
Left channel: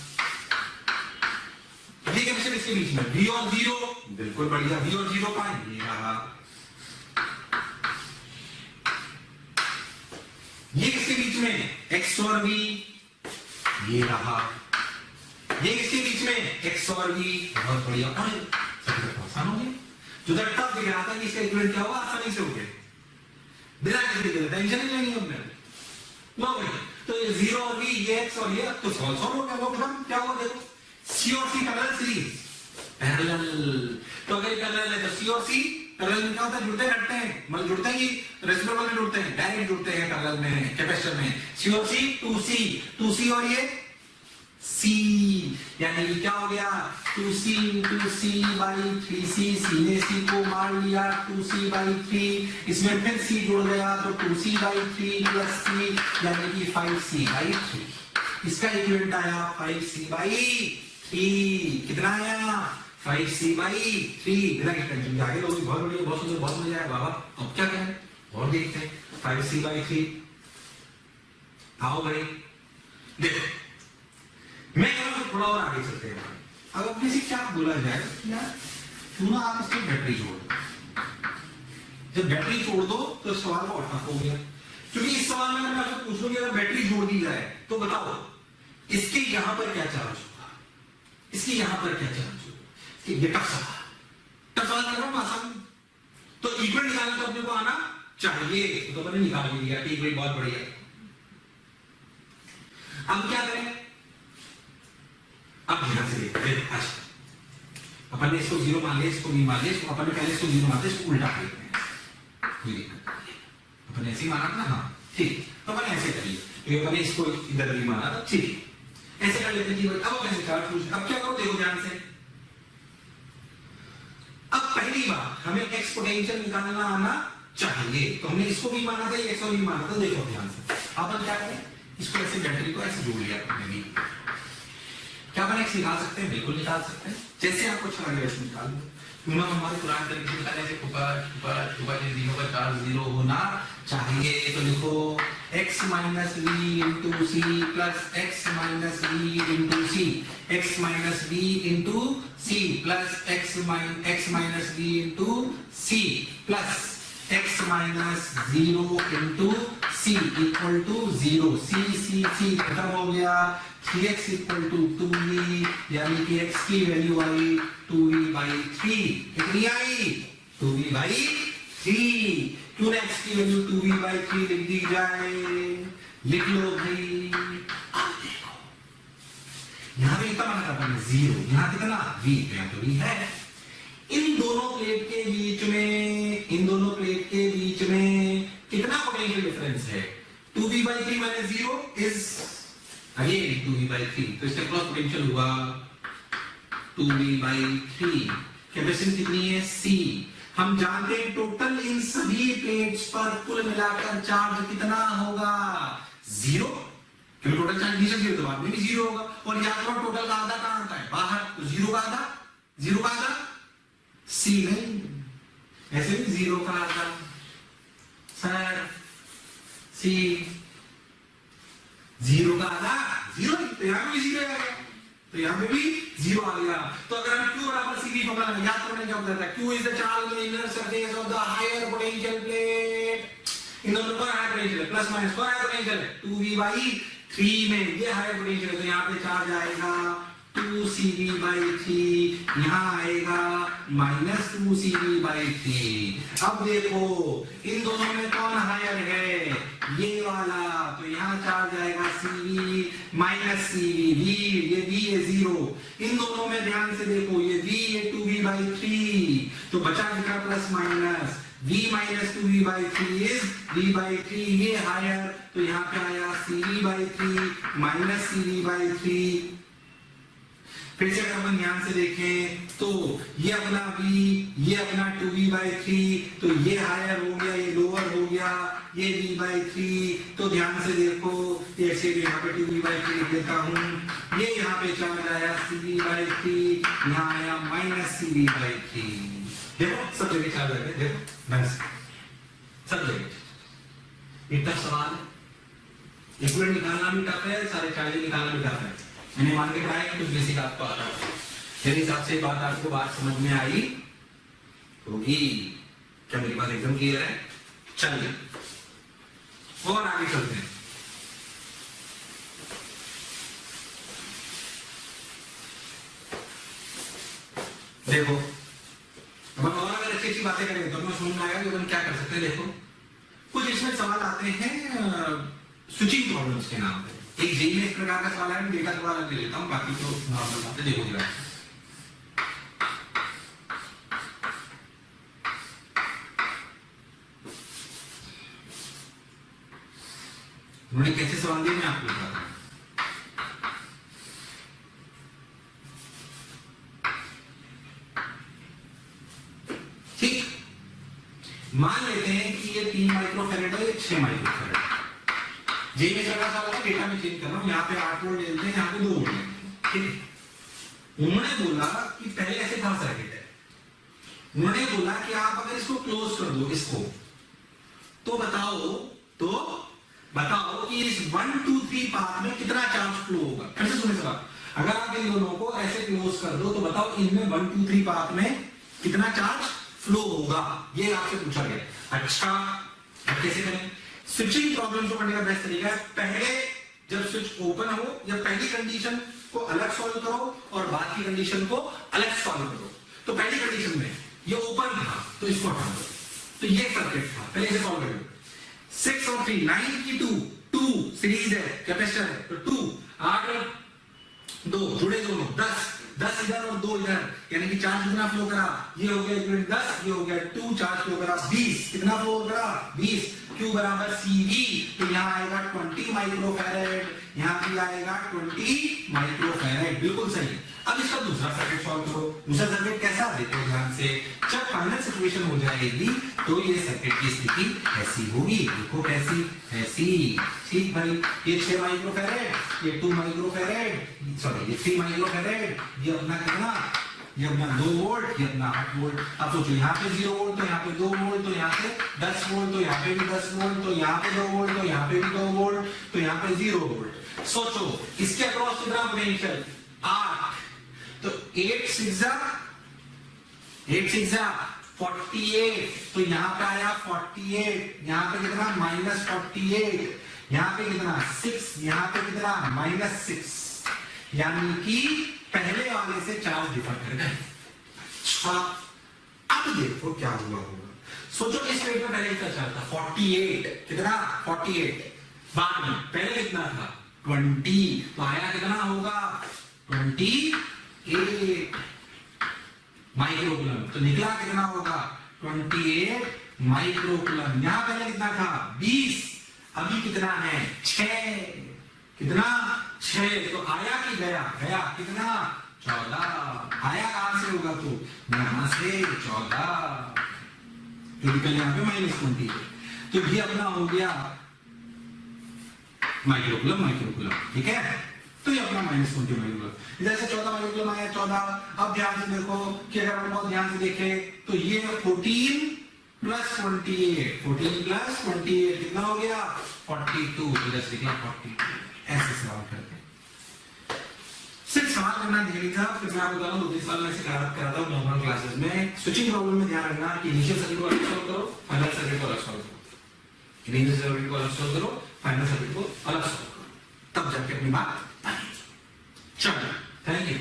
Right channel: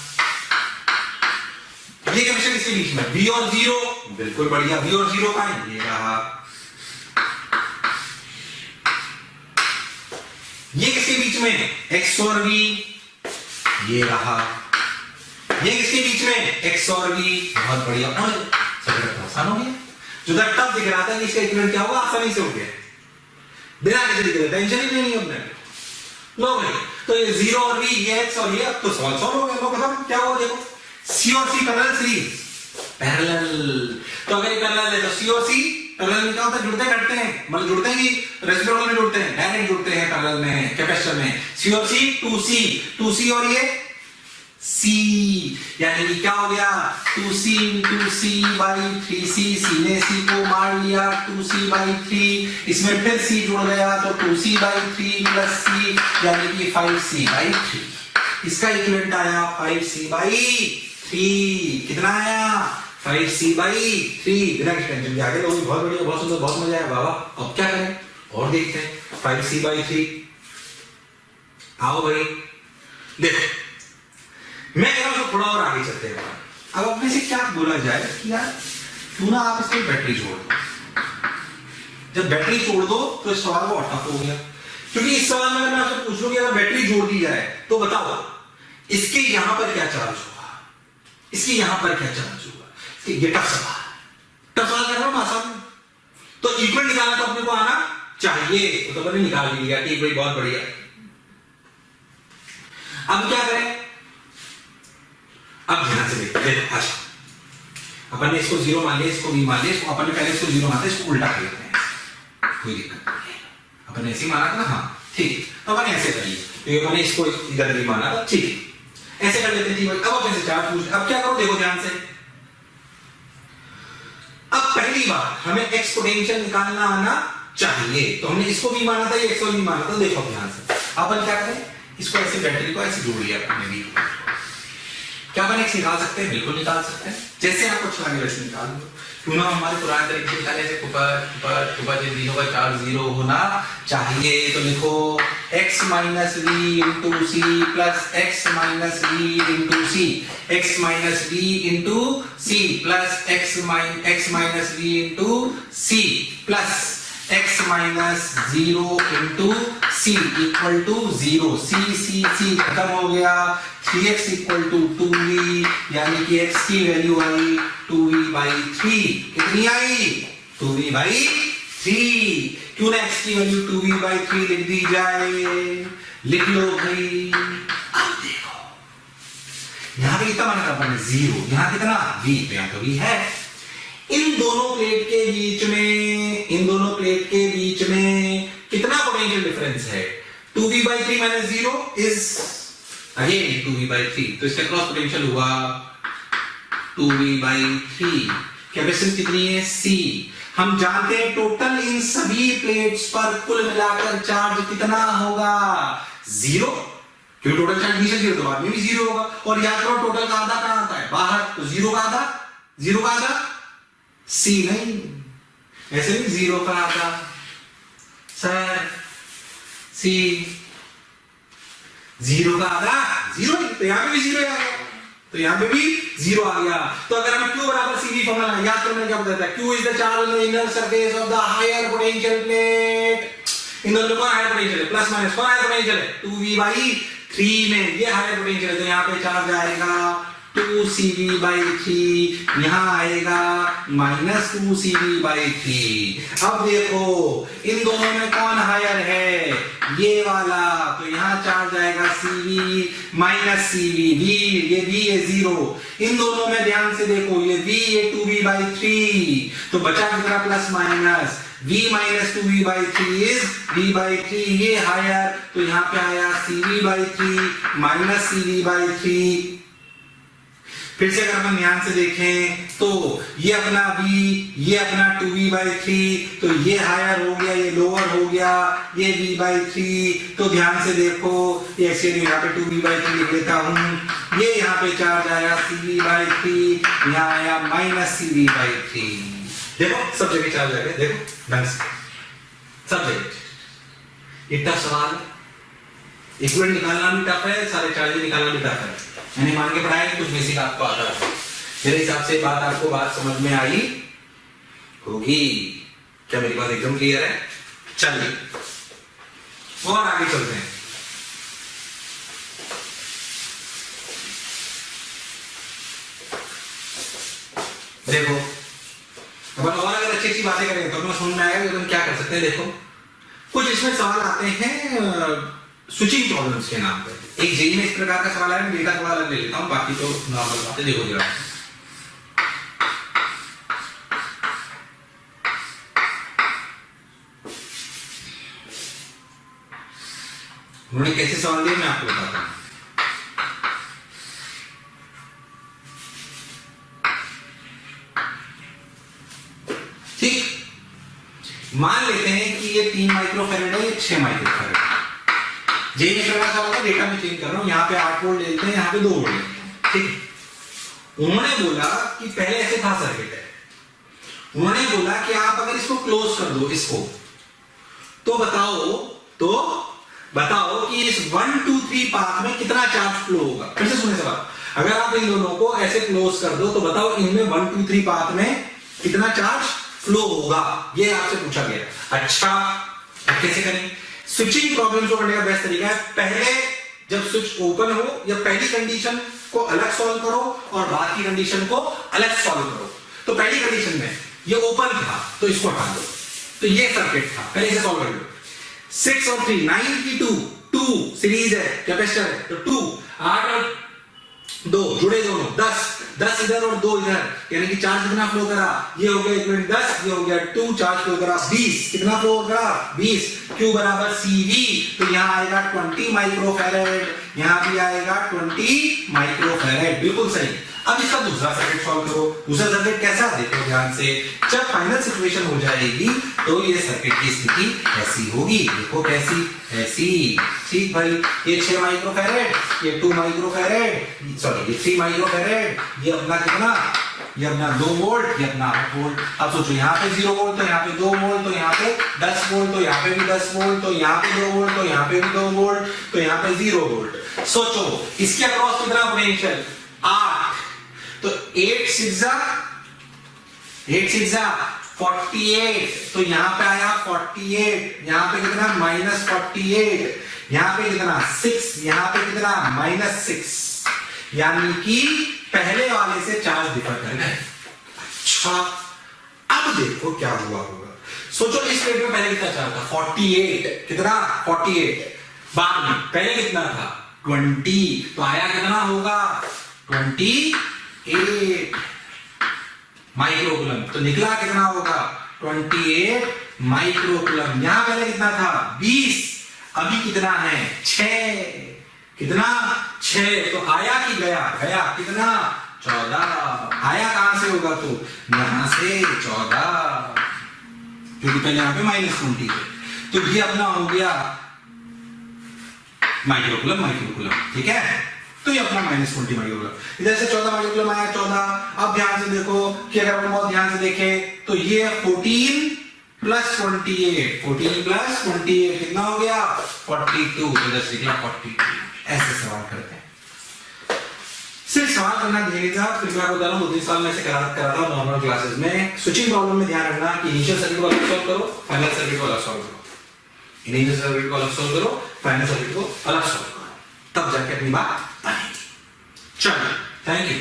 ये कैपेसिटर इसके बीच में V और 0, बिल्कुल बढ़िया, V और 0 का ये रहा। ये किसके बीच में, X और V, ये रहा। ये किसके बीच में, X और V, बहुत बढ़िया। और सर्किट आसान हो गया, जो टफ दिख रहा था कि इसका इक्विवेलेंट क्या होगा, आसानी से हो गया, बिना किसी दिक्कत, टेंशन ही नहीं है अपने। लो भाई, तो ये 0 और V, ये X और ये, अब तो सवाल सॉल्व हो गया, लो खत्म। क्या हुआ देखो, C और C पैरेलल सीरीज, पैरेलल, तो अगर ये पैरेलल है तो C और C पैरेलल में क्या होता है, जुड़ते घटते हैं, मतलब जुड़ते हैं कि रेसिप्रोकल में जुड़ते हैं, डायरेक्ट जुड़ते हैं पैरेलल में कैपेसिटर में। C और C 2C और ये C, यानी कि क्या हो गया 2C into C by 3C, C ने C को मार लिया 2C by 3, इसमें फिर C जुड़ गया तो 2C by 3 plus C, यानी कि 5C by 3। इसका इक्विवेलेंट आया 5C by 3, कितना आया 5C by 3, बिना किसी टेंशन के। आगे लोग बहुत बढ़िया, बहुत सुंदर, बहुत मजा आया बाबा। अब क्या करें और देखते हैं 5C by 3। आओ भाई देखो, मैं कह रहा हूं थोड़ा और आगे चलते हैं। अब अपने से क्या बोला जाए कि यार क्यों ना आप इसमें बैटरी जोड़ दो। जब बैटरी जोड़ दो तो इस सवाल को टफ हो गया, क्योंकि इस सवाल में अगर मैं आपसे पूछ लूं कि अगर बैटरी जोड़ दी जाए तो बताओ इसके यहां पर क्या चार्ज होगा, इसके यहां पर क्या चार्ज होगा। ये टफ सवाल कर रहा हूं आसान। तो इक्विवेलेंट निकालना तो अपने को आना चाहिए, तो मैंने निकाल लिया, ठीक भाई बहुत बढ़िया। अब क्या करें, अब ध्यान से देखते हैं। अच्छा अपन ने इसको 0 मान लिया, इसको V मान लिया, इसको अपन ने पहले इसको 0 माना था, इसको उल्टा कर लेते हैं, कोई दिक्कत नहीं है। अपन ने ऐसे ही माना था ना, हाँ ठीक, तो अपन ऐसे करिए तो ये मैंने इसको इधर भी माना था, ठीक। ऐसे कर लेते हैं। अब आप ऐसे चार्ज पूछ, अब क्या करो देखो ध्यान से। अब पहली बात हमें एक्स पोटेंशियल निकालना आना चाहिए, तो हमने इसको भी माना था, ये एक्स भी माना था। देखो ध्यान से अपन क्या करें, इसको ऐसे बैटरी को ऐसे जोड़ लिया हमने भी। क्या अपन एक्स निकाल सकते हैं? बिल्कुल निकाल सकते हैं, जैसे आपको अच्छा लगे वैसे निकाल दो। क्यों ना हमारे पुराने तरीके से निकाले, जैसे ऊपर तीनों का चार्ज 0 होना चाहिए। तो लिखो x minus V into C plus X minus V into C, X minus V into C plus X minus V into C plus x minus 0 into C equal to 0। C खत्म हो गया। 3x equal to 2v, यानी कि x की value आई 2v/3। कितनी आई? 2v/3। क्यों ना x की वैल्यू 2v/3 लिख दी जाए? लिख लो भाई। अब देखो यहां पे कितना माना था अपन ने? 0। यहां कितना? v, तो यहां तो v है। इन दोनों प्लेट के बीच में कितना पोटेंशियल डिफरेंस है? 2v/3 minus 0 is again 2v/3, तो इसका क्रॉस पोटेंशियल हुआ 2v/3। कैपेसिटेंस कितनी है? c। हम जानते हैं टोटल इन सभी प्लेट्स पर कुल मिलाकर चार्ज कितना होगा? 0, क्योंकि टोटल चार्ज नीचे 0 तो बाद में भी 0 होगा। और याद करो टोटल का आधा कहां आता है? बाहर, तो 0 का आधा c नहीं, ऐसे नहीं 0 का आधा सर c, 0 का आधा 0, तो यहां पे भी 0 आ गया, तो यहां पे भी 0 आ गया। तो अगर हमें q बराबर cv फॉर्मूला याद करने क्या बताता है? q is the charge on the inner surface of the higher potential plate. इन दोनों कौन हायर पोटेंशियल है? प्लस माइनस कौन हायर पोटेंशियल है? 2v/3 में ये हायर पोटेंशियल है, तो यहां पे चार्ज आएगा 2cv/3, यहां आएगा माइनस 2cv/3। अब देखो इन दोनों में कौन हायर है? ये वाला, तो यहां चार्ज आएगा cv माइनस cv, v, ये v है 0। इन दोनों में ध्यान से देखो, ये v ये 2v/3, तो बचा कितना? Plus minus v minus 2v/3 is v/3, ये हायर, तो यहां पे आया cv/3 माइनस cv/3। फिर से अगर हम ध्यान से देखें तो ये अपना v, ये अपना 2v/3, तो ये हायर हो गया, ये लोअर हो गया, ये v/3। तो ध्यान से देखो, ये एक्चुअली यहाँ पे 2v/3 लिख लेता हूं। ये यहाँ पे चार्ज आया cv/3, यहाँ आया माइनस cv/3। देखो सब जगह चार्ज आ गया, देखो ढंग से सब जगह। ये टफ सवाल, इक्विवेलेंट निकालना भी टफ है, सारे चार्ज निकालना भी टफ है। मैंने मान के पढ़ाया, कुछ बेसिक आपको आता है। मेरे हिसाब से बात समझ में आई होगी। क्या मेरी बात एकदम क्लियर है? चलिए और आगे चलते हैं। देखो अब और अगर अच्छी अच्छी बातें करेंगे तो हमें समझ में आएगा कि हम क्या कर सकते हैं। देखो कुछ इसमें सवाल आते हैं स्विचिंग प्रॉब्लम्स के नाम पर। एक जेई में इस प्रकार का सवाल है, डेटा थोड़ा अलग ले लेता हूं, बाकी तो नॉर्मल बातें। देखो जरा, उन्होंने कैसे सवाल दिए मैं आपको बताता हूं। ठीक, मान लेते हैं कि ये 3 माइक्रोफैरेड है, ये 6 माइक्रोफैरेड है। जेई में करना था, डेटा में चेंज कर रहा हूं, यहाँ पे 8 वोल्ट लेते हैं, यहाँ पे 2 वोल्ट लेते हैं। ठीक, उन्होंने बोला कि पहले ऐसे था सर्किट है, उन्होंने बोला कि आप अगर इसको क्लोज कर दो इसको, तो बताओ कि इस 1 2 3 पाथ में कितना चार्ज फ्लो होगा। फिर से सुने सवाल, अगर आप इन दोनों को ऐसे क्लोज कर दो तो बताओ इनमें 1 2 3 पाथ में कितना चार्ज फ्लो होगा, ये आपसे पूछा गया। अच्छा, अब कैसे करें? स्विचिंग प्रॉब्लम्स को करने का बेस्ट तरीका है, पहले जब स्विच ओपन हो या पहली कंडीशन को अलग सॉल्व करो और बाद की कंडीशन को अलग सॉल्व करो। तो पहली कंडीशन में ये ओपन था तो इसको हटा दो, तो ये सर्किट था, पहले इसे सॉल्व कर लो। 6 और 3 9 की 2 सीरीज है, कैपेसिटर है, तो 2 8 और 2 जुड़े दोनों 10, 10 इधर और 2 इधर, यानी कि चार्ज कितना फ्लो करा, ये हो गया इक्विवेलेंट 10, ये हो गया 2, चार्ज फ्लो करा 20, कितना फ्लो करा 20, Q बराबर CV, तो यहाँ आएगा 20 माइक्रोफैरेड, यहाँ भी आएगा 20 माइक्रोफैरेड, बिल्कुल सही। अब इसका दूसरा सर्किट सॉल्व करो। दूसरा सर्किट कैसा, देखो ध्यान से, जब फाइनल सिचुएशन हो जाएगी तो ये सर्किट की स्थिति ऐसी होगी, देखो कैसी, ऐसी, ठीक भाई, ये 6 माइक्रोफैरेड, ये 2 माइक्रोफैरेड, सॉरी ये 3 माइक्रोफैरेड, ये अपना कितना, ये अपना 2 वोल्ट, ये अपना 8 वोल्ट। अब सोचो यहाँ पे 0 वोल्ट, तो यहाँ पे 2 वोल्ट, तो यहाँ पे 10 वोल्ट, तो यहाँ पे भी 10 वोल्ट, तो यहाँ पे 2 वोल्ट, तो यहाँ पे भी 2 वोल्ट, तो यहाँ पे 0 वोल्ट। सोचो इसके अक्रॉस कितना पोटेंशियल, 8, तो 8 6 48, तो यहाँ पे आया 48, यहाँ पे कितना -48, यहाँ पे कितना 6, यहाँ पे कितना -6, यानी कि पहले वाले से चार्ज डिफर कर गए। अच्छा, अब देखो क्या हुआ होगा। सोचो इस प्लेट में पहले कितना चार्ज था, 48, कितना 48, बाद में पहले कितना था 20, तो आया कितना होगा 28 माइक्रोकूलम, तो निकला कितना होगा 28 माइक्रोकूलम। यहां पहले कितना था 20, अभी कितना है 6, कितना 6, तो आया कि गया, गया कितना 14, आया कहां से होगा, तो यहां से 14, क्योंकि पहले यहां पे -20 है, तो ये अपना हो गया माइक्रोकूलम, माइक्रोकूलम, ठीक है। तो ये अपना -20 माइक्रोकूलम, इधर से 14 माइक्रोकूलम आया 14। अब ध्यान से देखो कि अगर हम बहुत ध्यान से देखें तो ये 14 + 28, 14 + 28 कितना हो गया 42, तो इधर से निकला 42। ऐसे सवाल करते हैं, सिर्फ सवाल करना ध्यान दीजिएगा। फिर मैं आपको बता रहा हूं 2-3 साल में से कराता हूं नॉर्मल क्लासेस में। स्विचिंग प्रॉब्लम में ध्यान रखना कि इनिशियल सर्किट को अलग सॉल्व करो, फाइनल सर्किट को अलग सॉल्व करो, इनिशियल सर्किट को अलग सॉल्व करो, फाइनल सर्किट को अलग सॉल्व करो, तब जाके अपनी बात बनेगी। चलो, थैंक यू।